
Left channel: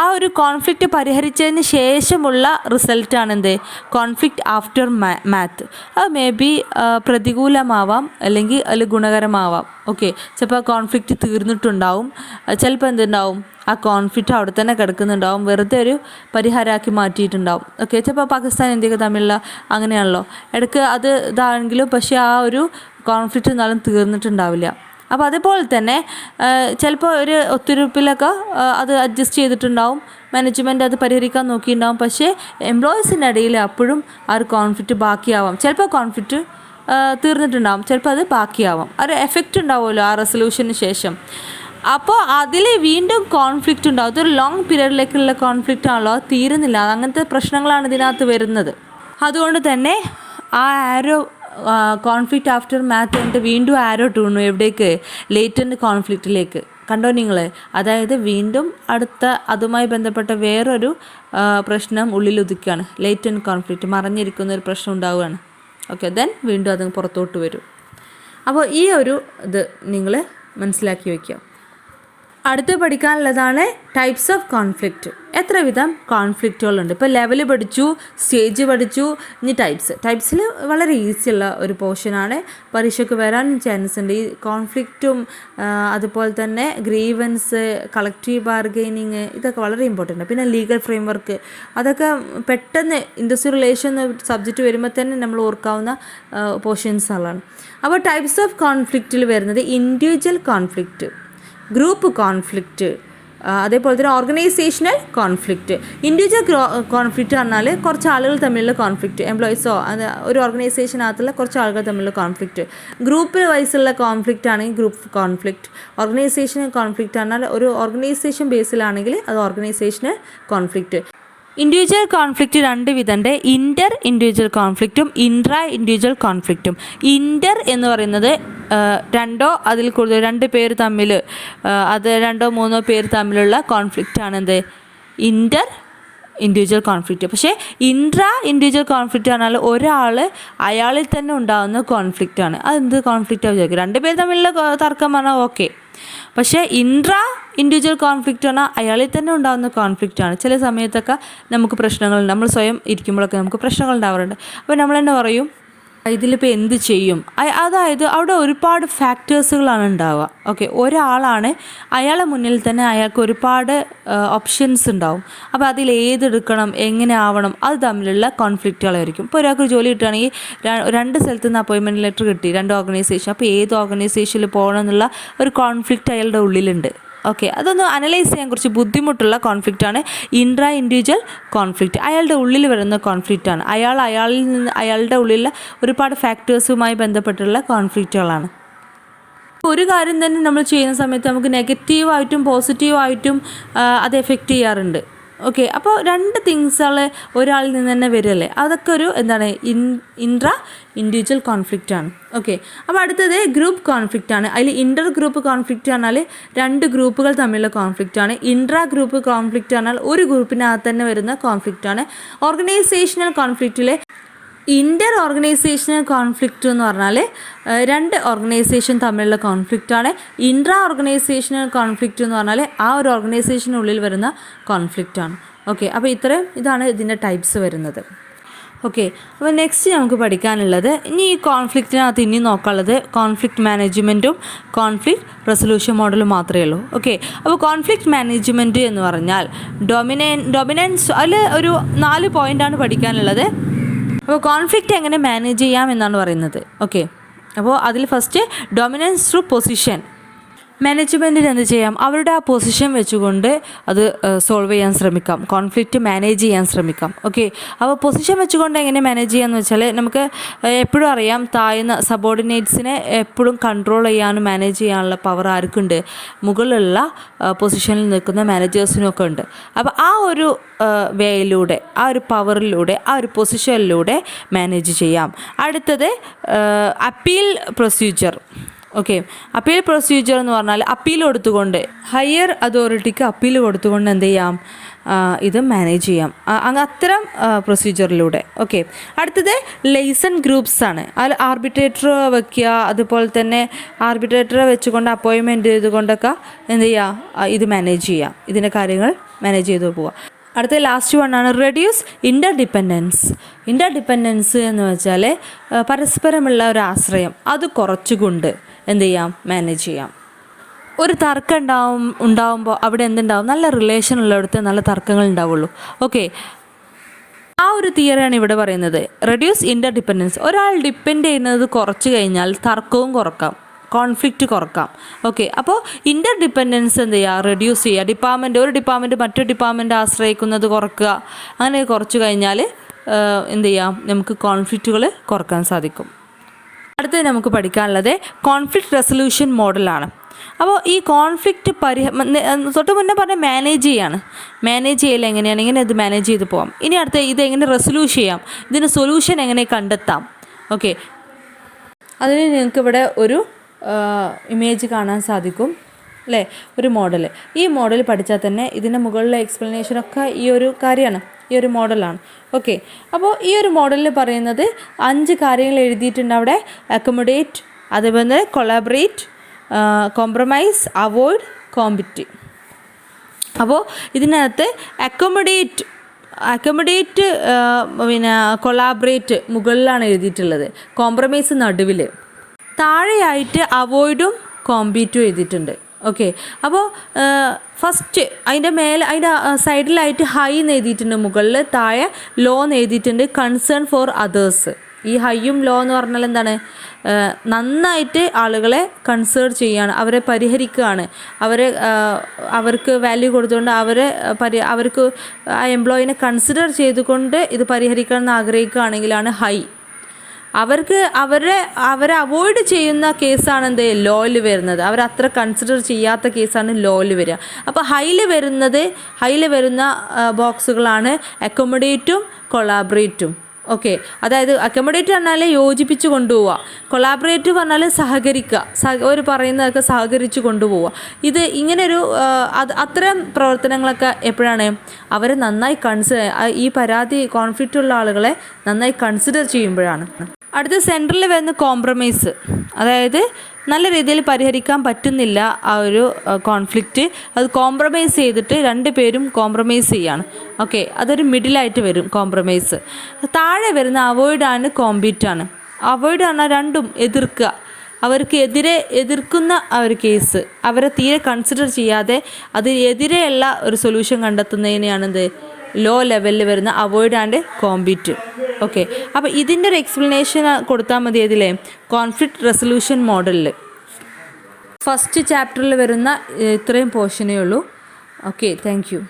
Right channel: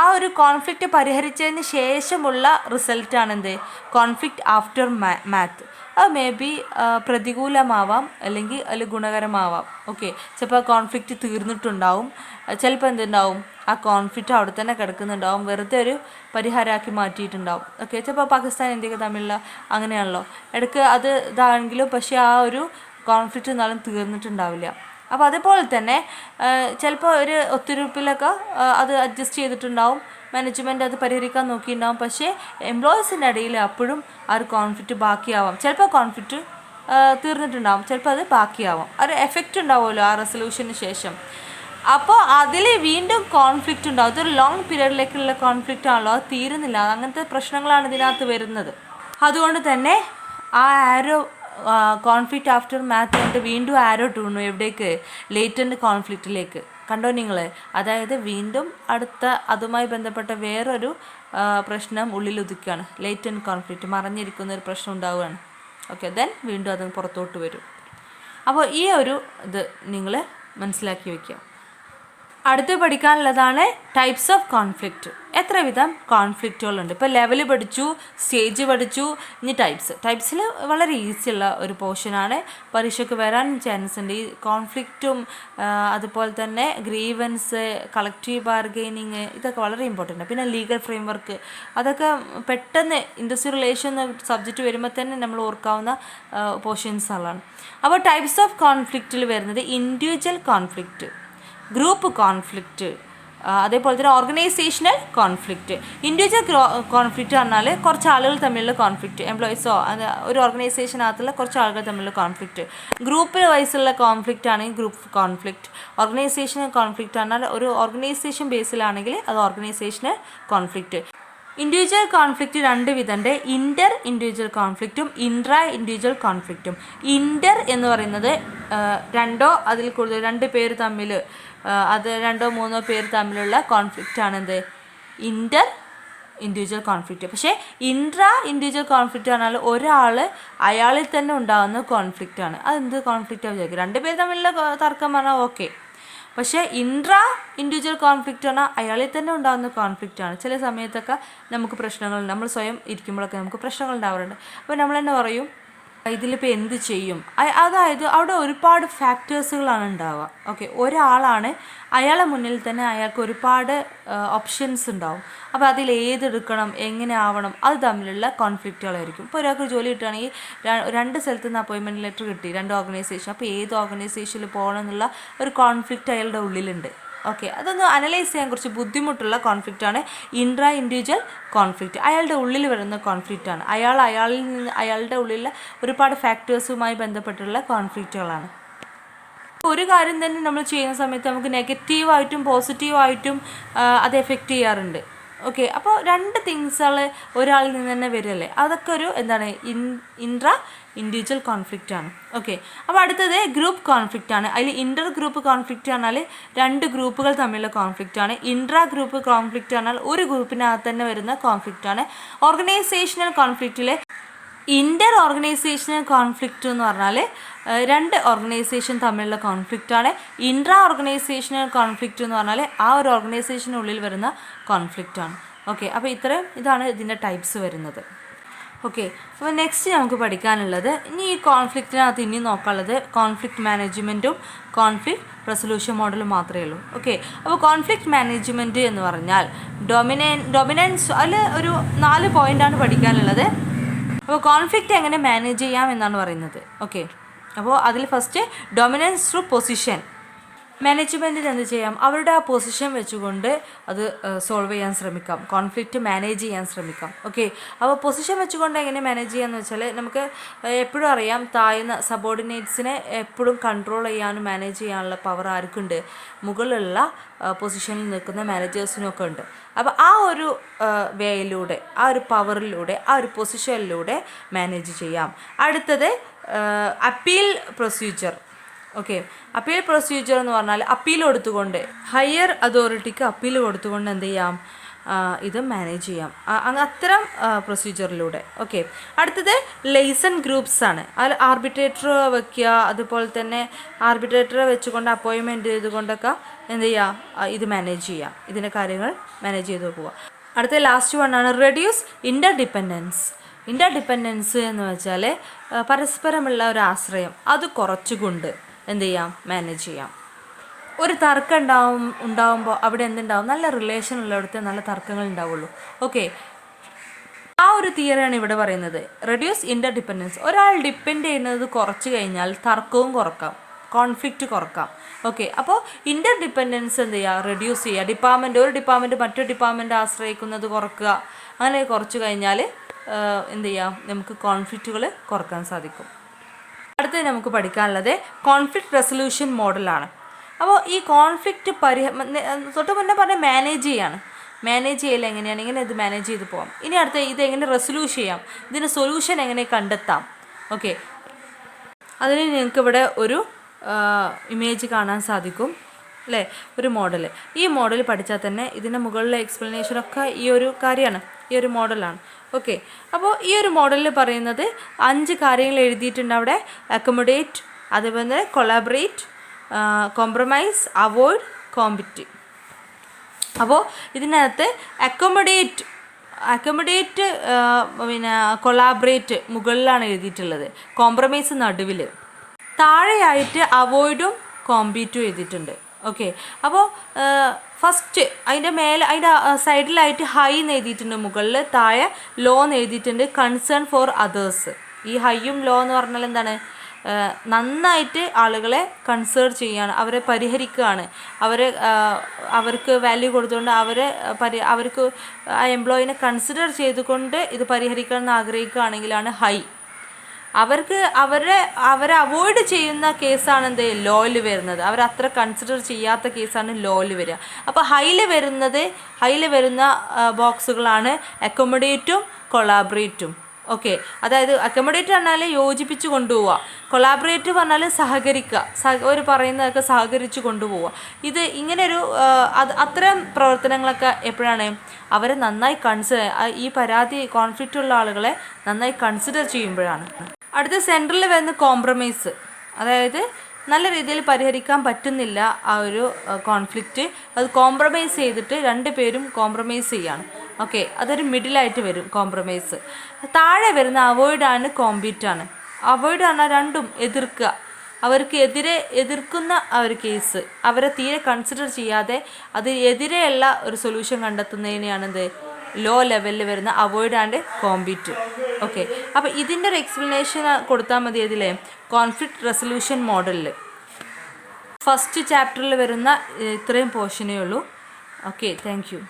ആ ഒരു കോൺഫ്ലിക്റ്റ് പരിഹരിച്ചതിന് ശേഷമുള്ള റിസൾട്ടാണ് എന്ത്, കോൺഫ്ലിക്റ്റ് ആഫ്റ്റർ മാത്ത്. അത് മേ ബി പ്രതികൂലമാവാം അല്ലെങ്കിൽ അതിൽ ഗുണകരമാവാം. ഓക്കെ, ചിലപ്പോൾ കോൺഫ്ലിക്റ്റ് തീർന്നിട്ടുണ്ടാവും, ചിലപ്പോൾ എന്തുണ്ടാവും, ആ കോൺഫ്ലിക്റ്റ് അവിടെ തന്നെ കിടക്കുന്നുണ്ടാവും, വെറുതെ ഒരു പരിഹാരമാക്കി മാറ്റിയിട്ടുണ്ടാവും. ഓക്കെ, ചിലപ്പോൾ പാകിസ്ഥാൻ ഇന്ത്യക്ക് തമ്മിലുള്ള അങ്ങനെയാണല്ലോ, ഇടയ്ക്ക് അത് ഇതാണെങ്കിലും പക്ഷേ ആ ഒരു കോൺഫ്ലിക്റ്റ് എന്നാലും തീർന്നിട്ടുണ്ടാവില്ല. അപ്പോൾ അതുപോലെ തന്നെ ചിലപ്പോൾ ഒരു ഒത്തുതീർപ്പിലൊക്കെ അത് അഡ്ജസ്റ്റ് ചെയ്തിട്ടുണ്ടാവും, മാനേജ്മെൻറ്റ് അത് പരിഹരിക്കാൻ നോക്കിയിട്ടുണ്ടാവും. പക്ഷേ എംപ്ലോയീസിൻ്റെ ഇടയിൽ അപ്പോഴും ആ ഒരു കോൺഫ്ലിക്റ്റ് ബാക്കിയാവാം. ചിലപ്പോൾ കോൺഫ്ലിക്റ്റ് തീർന്നിട്ടുണ്ടാവും, ചിലപ്പോൾ അത് ബാക്കിയാവാം. ഒരു എഫക്റ്റ് ഉണ്ടാവുമല്ലോ ആ റെസൊല്യൂഷന് ശേഷം. അപ്പോൾ അതിൽ വീണ്ടും കോൺഫ്ലിക്റ്റ് ഉണ്ടാവും. ഇതൊരു ലോങ് പീരീഡിലേക്കുള്ള കോൺഫ്ലിക്റ്റ് ആണല്ലോ, അത് തീരുന്നില്ല. അങ്ങനത്തെ പ്രശ്നങ്ങളാണ് ഇതിനകത്ത് വരുന്നത്. അതുകൊണ്ട് തന്നെ ആ ആരോ കോൺഫ്ലിക്റ്റ് ആഫ്റ്റർ മാത്ത് കഴിഞ്ഞിട്ട് വീണ്ടും ആരോ ഇട്ടുന്നു എവിടേക്ക്? ലേറ്റൻറ്റ് കോൺഫ്ലിക്റ്റിലേക്ക്. കണ്ടോ നിങ്ങൾ? അതായത് വീണ്ടും അടുത്ത അതുമായി ബന്ധപ്പെട്ട വേറൊരു പ്രശ്നം ഉള്ളിലൊതുക്കുകയാണ്. ലേറ്റൻറ്റ് കോൺഫ്ലിക്റ്റ്, മറഞ്ഞിരിക്കുന്ന ഒരു പ്രശ്നം ഉണ്ടാവുകയാണ്. ഓക്കെ, ദെൻ വീണ്ടും അത് പുറത്തോട്ട് വരും. അപ്പോൾ ഈ ഒരു ഇത് നിങ്ങൾ മനസ്സിലാക്കി വയ്ക്കുക. അടുത്ത് പഠിക്കാനുള്ളതാണ് ടൈപ്സ് ഓഫ് കോൺഫ്ലിക്റ്റ്. എത്ര വിധം കോൺഫ്ലിക്റ്റുകളുണ്ട്? ഇപ്പോൾ ലെവൽ പഠിച്ചു, സ്റ്റേജ് പഠിച്ചു, ഇനി ടൈപ്സിൽ വളരെ ഈസിയുള്ള ഒരു പോർഷനാണ്. പരീക്ഷയ്ക്ക് വരാനും ചാൻസ് ഉണ്ട്. ഈ കോൺഫ്ലിക്റ്റും അതുപോലെ തന്നെ ഗ്രീവൻസ്, കളക്റ്റീവ് ബാർഗെയിനിങ്, ഇതൊക്കെ വളരെ ഇമ്പോർട്ടൻ്റ്. പിന്നെ ലീഗൽ ഫ്രെയിം വർക്ക്, അതൊക്കെ പെട്ടെന്ന് ഇൻഡസ്ട്രിയൽ റിലേഷൻ സബ്ജക്റ്റ് വരുമ്പോൾ തന്നെ നമ്മൾ ഓർക്കാവുന്ന പോർഷൻസുകളാണ്. അപ്പോൾ ടൈപ്സ് ഓഫ് കോൺഫ്ലിക്റ്റിൽ വരുന്നത് ഇൻഡിവിജ്വൽ കോൺഫ്ലിക്റ്റ്, ഗ്രൂപ്പ് കോൺഫ്ലിക്റ്റ്, അതേപോലെ തന്നെ ഓർഗനൈസേഷണൽ കോൺഫ്ലിക്റ്റ്. ഇൻഡിവിജ്വൽ കോൺഫ്ലിക്റ്റ് പറഞ്ഞാൽ കുറച്ച് ആളുകൾ തമ്മിലുള്ള കോൺഫ്ലിക്റ്റ്, എംപ്ലോയീസോ ഒരു ഓർഗനൈസേഷനകത്തുള്ള കുറച്ച് ആളുകൾ തമ്മിലുള്ള കോൺഫ്ലിക്റ്റ്. ഗ്രൂപ്പ് വൈസുള്ള കോൺഫ്ലിക്റ്റ് ആണെങ്കിൽ ഗ്രൂപ്പ് കോൺഫ്ലിക്റ്റ്. ഓർഗനൈസേഷണൽ കോൺഫ്ലിക്റ്റ് പറഞ്ഞാൽ ഒരു ഓർഗനൈസേഷൻ ബേസിലാണെങ്കിൽ അത് ഓർഗനൈസേഷണൽ കോൺഫ്ലിക്റ്റ്. ഇൻഡിവിജ്വൽ കോൺഫ്ലിക്റ്റ് രണ്ട് വിധമുണ്ട്. ഇൻ്റർ ഇൻഡിവിജ്വൽ കോൺഫ്ലിക്റ്റും ഇൻട്രാ ഇൻഡിവിജ്വൽ കോൺഫ്ലിക്റ്റും. ഇൻ്റർ എന്ന് പറയുന്നത് രണ്ടോ അതിൽ കൂടുതൽ രണ്ട് പേര് തമ്മിൽ, അത് രണ്ടോ മൂന്നോ പേര് തമ്മിലുള്ള കോൺഫ്ലിക്റ്റാണ് എന്ത്? ഇൻ്റർ ഇൻഡിവിജ്വൽ കോൺഫ്ലിക്റ്റ്. പക്ഷേ ഇൻട്രാ ഇൻഡിവിജ്വൽ കോൺഫ്ലിക്റ്റ് പറഞ്ഞാൽ ഒരാൾ അയാളിൽ തന്നെ ഉണ്ടാകുന്ന കോൺഫ്ലിക്റ്റാണ്. അതെന്ത് കോൺഫ്ലിക്റ്റാണ് വിചാരിക്കും? രണ്ട് പേര് തമ്മിലുള്ള തർക്കം പറഞ്ഞാൽ ഓക്കെ. പക്ഷേ ഇൻട്രാ ഇൻഡിവിജ്വൽ കോൺഫ്ലിക്റ്റ് പറഞ്ഞാൽ അയാളിൽ തന്നെ ഉണ്ടാകുന്ന കോൺഫ്ലിക്റ്റാണ്. ചില സമയത്തൊക്കെ നമുക്ക് പ്രശ്നങ്ങളുണ്ട്, നമ്മൾ സ്വയം ഇരിക്കുമ്പോഴൊക്കെ നമുക്ക് പ്രശ്നങ്ങൾ ഉണ്ടാവാറുണ്ട്. അപ്പോൾ നമ്മൾ തന്നെ പറയും ഇതിലിപ്പോൾ എന്ത് ചെയ്യും? അതായത് അവിടെ ഒരുപാട് ഫാക്ടേഴ്സുകളാണ് ഉണ്ടാവുക. ഓക്കെ, ഒരാളാണ്, അയാളെ മുന്നിൽ തന്നെ അയാൾക്ക് ഒരുപാട് ഓപ്ഷൻസ് ഉണ്ടാവും. അപ്പോൾ അതിൽ ഏതെടുക്കണം, എങ്ങനെ ആവണം, അത് തമ്മിലുള്ള കോൺഫ്ലിക്റ്റുകളായിരിക്കും. ഇപ്പോൾ ഒരാൾക്ക് ജോലി കിട്ടുകയാണെങ്കിൽ രണ്ട് സ്ഥലത്ത് നിന്ന് അപ്പോയിൻമെൻറ്റ് ലെറ്റർ കിട്ടി, രണ്ട് ഓർഗനൈസേഷൻ. അപ്പോൾ ഏത് ഓർഗനൈസേഷനിൽ പോകണം എന്നുള്ള ഒരു കോൺഫ്ലിക്റ്റ് അയാളുടെ ഉള്ളിലുണ്ട്. ഓക്കെ, അതൊന്ന് അനലൈസ് ചെയ്യാൻ കുറച്ച് ബുദ്ധിമുട്ടുള്ള കോൺഫ്ലിക്റ്റാണ് ഇൻട്രാ ഇൻഡിവിജ്വൽ കോൺഫ്ലിക്റ്റ്. അയാളുടെ ഉള്ളിൽ വരുന്ന കോൺഫ്ലിക്റ്റാണ്. അയാളിൽ നിന്ന് അയാളുടെ ഉള്ളിലെ ഒരുപാട് ഫാക്ടേഴ്സുമായി ബന്ധപ്പെട്ടുള്ള കോൺഫ്ലിക്റ്റുകളാണ്. ഒരു കാര്യം തന്നെ നമ്മൾ ചെയ്യുന്ന സമയത്ത് നമുക്ക് നെഗറ്റീവായിട്ടും പോസിറ്റീവായിട്ടും അത് എഫക്റ്റ് ചെയ്യാറുണ്ട്. ഓക്കെ, അപ്പോൾ രണ്ട് തിങ്സുകൾ ഒരാളിൽ നിന്ന് തന്നെ വരുമല്ലേ, അതൊക്കെ ഒരു എന്താണ് ഇൻട്രാ ഇൻഡിവിജ്വൽ കോൺഫ്ലിക്റ്റാണ്. ഓക്കെ, അപ്പോൾ അടുത്തത് ഗ്രൂപ്പ് കോൺഫ്ലിക്റ്റാണ്. അതിൽ ഇൻ്റർ ഗ്രൂപ്പ് കോൺഫ്ലിക്റ്റ് പറഞ്ഞാൽ രണ്ട് ഗ്രൂപ്പുകൾ തമ്മിലുള്ള കോൺഫ്ലിക്റ്റാണ്. ഇൻട്രാ ഗ്രൂപ്പ് കോൺഫ്ലിക്റ്റ് പറഞ്ഞാൽ ഒരു ഗ്രൂപ്പിനകത്ത് തന്നെ വരുന്ന കോൺഫ്ലിക്റ്റാണ്. ഓർഗനൈസേഷണൽ കോൺഫ്ലിക്റ്റിൽ ഇൻ്റർ ഓർഗനൈസേഷണൽ കോൺഫ്ലിക്റ്റ് എന്ന് പറഞ്ഞാൽ രണ്ട് ഓർഗനൈസേഷൻ തമ്മിലുള്ള കോൺഫ്ലിക്റ്റാണ്. ഇൻട്രാ ഓർഗനൈസേഷണൽ കോൺഫ്ലിക്റ്റ് എന്ന് പറഞ്ഞാൽ ആ ഒരു ഓർഗനൈസേഷനുള്ളിൽ വരുന്ന കോൺഫ്ലിക്റ്റാണ്. ഓക്കെ, അപ്പോൾ ഇതാണ് ഇതിൻ്റെ ടൈപ്സ് വരുന്നത്. ഓക്കെ, അപ്പോൾ നെക്സ്റ്റ് നമുക്ക് പഠിക്കാനുള്ളത് ഇനി ഈ കോൺഫ്ലിക്റ്റിനകത്ത് ഇനി നോക്കാനുള്ളത് കോൺഫ്ലിക്റ്റ് മാനേജ്മെൻറ്റും കോൺഫ്ലിക്റ്റ് റെസൊല്യൂഷൻ മോഡലും മാത്രമേ ഉള്ളൂ. ഓക്കെ, അപ്പോൾ കോൺഫ്ലിക്റ്റ് മാനേജ്മെൻറ്റ് എന്ന് പറഞ്ഞാൽ ഡൊമിനൻസ്, അതിൽ ഒരു 4 പോയിൻ്റാണ് പഠിക്കാനുള്ളത്. അപ്പോൾ കോൺഫ്ലിക്റ്റ് എങ്ങനെ മാനേജ് ചെയ്യാം എന്നാണ് പറയുന്നത്. ഓക്കെ, അപ്പോൾ അതിൽ ഫസ്റ്റ് ഡൊമിനൻസ് ത്രൂ പൊസിഷൻ. മാനേജ്മെൻറ്റിന് എന്ത് ചെയ്യാം? അവരുടെ ആ പൊസിഷൻ വെച്ചുകൊണ്ട് അത് സോൾവ് ചെയ്യാൻ ശ്രമിക്കാം, കോൺഫ്ലിക്റ്റ് മാനേജ് ചെയ്യാൻ ശ്രമിക്കാം. ഓക്കെ, അപ്പോൾ പൊസിഷൻ വെച്ചുകൊണ്ട് എങ്ങനെ മാനേജ് ചെയ്യാമെന്ന് വെച്ചാൽ നമുക്ക് എപ്പോഴും അറിയാം, താഴ്ന്ന സബോർഡിനേറ്റ്സിനെ എപ്പോഴും കൺട്രോൾ ചെയ്യാനും മാനേജ് ചെയ്യാനുള്ള പവർ ആർക്കുണ്ട്? മുകളിലുള്ള പൊസിഷനിൽ നിൽക്കുന്ന മാനേജേഴ്സിനൊക്കെ ഉണ്ട്. അപ്പോൾ ആ ഒരു വേയിലൂടെ, ആ ഒരു പവറിലൂടെ, ആ ഒരു പൊസിഷനിലൂടെ മാനേജ് ചെയ്യാം. അടുത്തത് appeal procedure. Okay, appeal procedure എന്ന് പറഞ്ഞാൽ അപ്പീൽ കൊടുത്തുകൊണ്ട് ഹയർ അതോറിറ്റിക്ക് അപ്പീൽ കൊടുത്തുകൊണ്ട് എന്ത് ചെയ്യാം? ഇത് മാനേജ് ചെയ്യാം അത്തരം പ്രൊസീജിയറിലൂടെ. ഓക്കെ, അടുത്തത് ലൈസൺ ഗ്രൂപ്പ്സ് ആണ്. അതിൽ ആർബിട്രേറ്റർ വയ്ക്കുക, അതുപോലെ തന്നെ ആർബിട്രേറ്ററെ വെച്ചുകൊണ്ട് അപ്പോയിൻമെൻറ്റ് ചെയ്തുകൊണ്ടൊക്കെ എന്ത് ചെയ്യുക? ഇത് മാനേജ് ചെയ്യാം, ഇതിൻ്റെ കാര്യങ്ങൾ മാനേജ് ചെയ്ത് പോവുക. അടുത്ത ലാസ്റ്റ് വണ്ണാണ് റെഡ്യൂസ് ഇൻ്റർഡിപ്പെൻഡൻസ്. ഇൻ്റർഡിപ്പെൻഡൻസ് എന്ന് വെച്ചാൽ പരസ്പരമുള്ള ഒരു ആശ്രയം, അത് കുറച്ചുകൊണ്ട് എന്ത് ചെയ്യാം? മാനേജ് ചെയ്യാം. ഒരു തർക്കം ഉണ്ടാകുമ്പോൾ അവിടെ എന്തുണ്ടാവും? നല്ല റിലേഷൻ ഉള്ളിടത്ത് നല്ല തർക്കങ്ങൾ ഉണ്ടാവുള്ളൂ. ഓക്കെ, ആ ഒരു തിയറിയാണ് ഇവിടെ പറയുന്നത്. Reduce interdependence. ഒരാൾ ഡിപ്പെൻഡ് ചെയ്യുന്നത് കുറച്ച് കഴിഞ്ഞാൽ തർക്കവും കുറക്കാം, കോൺഫ്ലിക്റ്റ് കുറക്കാം. ഓക്കെ, അപ്പോൾ ഇൻ്റർഡിപ്പെൻഡൻസ് എന്ത് ചെയ്യുക? റെഡ്യൂസ് ചെയ്യുക. ഒരു ഡിപ്പാർട്ട്മെൻറ്റ് മറ്റൊരു ഡിപ്പാർട്ട്മെൻറ്റ് ആശ്രയിക്കുന്നത് കുറക്കുക. അങ്ങനെ കുറച്ച് കഴിഞ്ഞാൽ എന്ത് ചെയ്യാം? നമുക്ക് കോൺഫ്ലിക്റ്റുകൾ കുറക്കാൻ സാധിക്കും. അടുത്തത് നമുക്ക് പഠിക്കാനുള്ളത് കോൺഫ്ലിക്റ്റ് റെസൊല്യൂഷൻ മോഡലാണ്. അപ്പോൾ ഈ കോൺഫ്ലിക്റ്റ് തൊട്ട് മുന്നേ പറഞ്ഞ മാനേജ് ചെയ്യൽ എങ്ങനെയാണ്, എങ്ങനെ ഇത് മാനേജ് ചെയ്ത് പോകാം. ഇനി അടുത്ത ഇത് എങ്ങനെ റെസൊല്യൂട്ട് ചെയ്യാം, ഇതിന് സൊല്യൂഷൻ എങ്ങനെ കണ്ടെത്താം. ഓക്കെ, അതിന് നിങ്ങൾക്കിവിടെ ഒരു ഇമേജ് കാണാൻ സാധിക്കും അല്ലേ, ഒരു മോഡൽ. ഈ മോഡൽ പഠിച്ചാൽ തന്നെ ഇതിൻ്റെ മുകളിലെ എക്സ്പ്ലനേഷനൊക്കെ ഈ ഒരു കാര്യമാണ്, ഈ ഒരു മോഡലാണ്. ഓക്കെ, അപ്പോൾ ഈ ഒരു മോഡലിൽ പറയുന്നത് 5 കാര്യങ്ങൾ എഴുതിയിട്ടുണ്ട് അവിടെ. അക്കോമഡേറ്റ്, അതേപോലെ കൊളാബറേറ്റ്, കോംപ്രമൈസ്, അവോയ്ഡ്, കോമ്പറ്റ്. അപ്പോൾ ഇതിനകത്ത് അക്കോമഡേറ്റ് പിന്നെ കൊളാബറേറ്റ് മുകളിലാണ് എഴുതിയിട്ടുള്ളത്, കോംപ്രമൈസ് നടുവിൽ, താഴെയായിട്ട് അവോയ്ഡും കോമ്പീറ്റും എഴുതിയിട്ടുണ്ട്. ഓക്കെ, അപ്പോൾ ഫസ്റ്റ് അതിൻ്റെ സൈഡിലായിട്ട് ഹൈ എന്ന് എഴുതിയിട്ടുണ്ട്, മുകളിൽ താഴെ ലോ എന്ന് എഴുതിയിട്ടുണ്ട്, കൺസേൺ ഫോർ അതേഴ്സ്. ഈ ഹൈയും ലോ എന്ന് പറഞ്ഞാൽ എന്താണ്, നന്നായിട്ട് ആളുകളെ കൺസേൺ ചെയ്യുകയാണ്, അവരെ പരിഹരിക്കുകയാണ്, അവർക്ക് വാല്യൂ കൊടുത്തുകൊണ്ട് അവർക്ക് ആ എംപ്ലോയിനെ കൺസിഡർ ചെയ്തുകൊണ്ട് ഇത് പരിഹരിക്കണം എന്ന് ആഗ്രഹിക്കുകയാണെങ്കിലാണ് ഹൈ. അവരെ അവോയ്ഡ് ചെയ്യുന്ന കേസാണ് എന്ത് ലോയിൽ വരുന്നത്, അവരത്ര കൺസിഡർ ചെയ്യാത്ത കേസാണ് ലോയിൽ വരിക. അപ്പോൾ ഹൈയിൽ വരുന്ന ബോക്സുകളാണ് അക്കോമഡേറ്റും കൊളാബറേറ്റും. ഓക്കെ, അതായത് അക്കോമഡേറ്റ് പറഞ്ഞാൽ യോജിപ്പിച്ച് കൊണ്ടുപോവുക, കൊളാബറേറ്റ് പറഞ്ഞാൽ സഹകരിക്കുക, ഒരു പറയുന്നതൊക്കെ സഹകരിച്ച് കൊണ്ടുപോവുക. ഇത് ഇങ്ങനൊരു അത്തരം പ്രവർത്തനങ്ങളൊക്കെ എപ്പോഴാണ് അവരെ നന്നായി ഈ കോൺഫ്ലിക്റ്റ് ഉള്ള ആളുകളെ നന്നായി കൺസിഡർ ചെയ്യുമ്പോഴാണ്. അടുത്ത സെൻറ്ററിൽ വരുന്ന കോംപ്രമൈസ്, അതായത് നല്ല രീതിയിൽ പരിഹരിക്കാൻ പറ്റുന്നില്ല ആ ഒരു കോൺഫ്ലിക്റ്റ്, അത് കോംപ്രമൈസ് ചെയ്തിട്ട് 2 പേരും കോംപ്രമൈസ് ചെയ്യാണ്. ഓക്കെ, അതൊരു മിഡിലായിട്ട് വരും കോംപ്രമൈസ്. താഴെ വരുന്ന അവോയ്ഡാണ് കോമ്പീറ്റാണ്. അവോയ്ഡ് പറഞ്ഞാൽ രണ്ടും എതിർക്കുക, അവർക്ക് എതിർക്കുന്ന ആ ഒരു കേസ്, അവരെ തീരെ കൺസിഡർ ചെയ്യാതെ എതിരെയുള്ള ഒരു സൊല്യൂഷൻ കണ്ടെത്തുന്നതിനെയാണെന്ത് ലോ ലെവലിൽ വരുന്ന അവോയ്ഡ് ആൻഡ് കോമ്പീറ്റ്. ഓക്കെ, അപ്പോൾ ഇതിൻ്റെ ഒരു എക്സ്പ്ലനേഷൻ കൊടുത്താൽ മതി ഇതിലെ കോൺഫ്ലിക്റ്റ് റെസൊല്യൂഷൻ മോഡലിൽ. ഫസ്റ്റ് ചാപ്റ്ററിൽ വരുന്ന ഇത്രയും പോർഷനേ ഉള്ളൂ. Okay, thank you.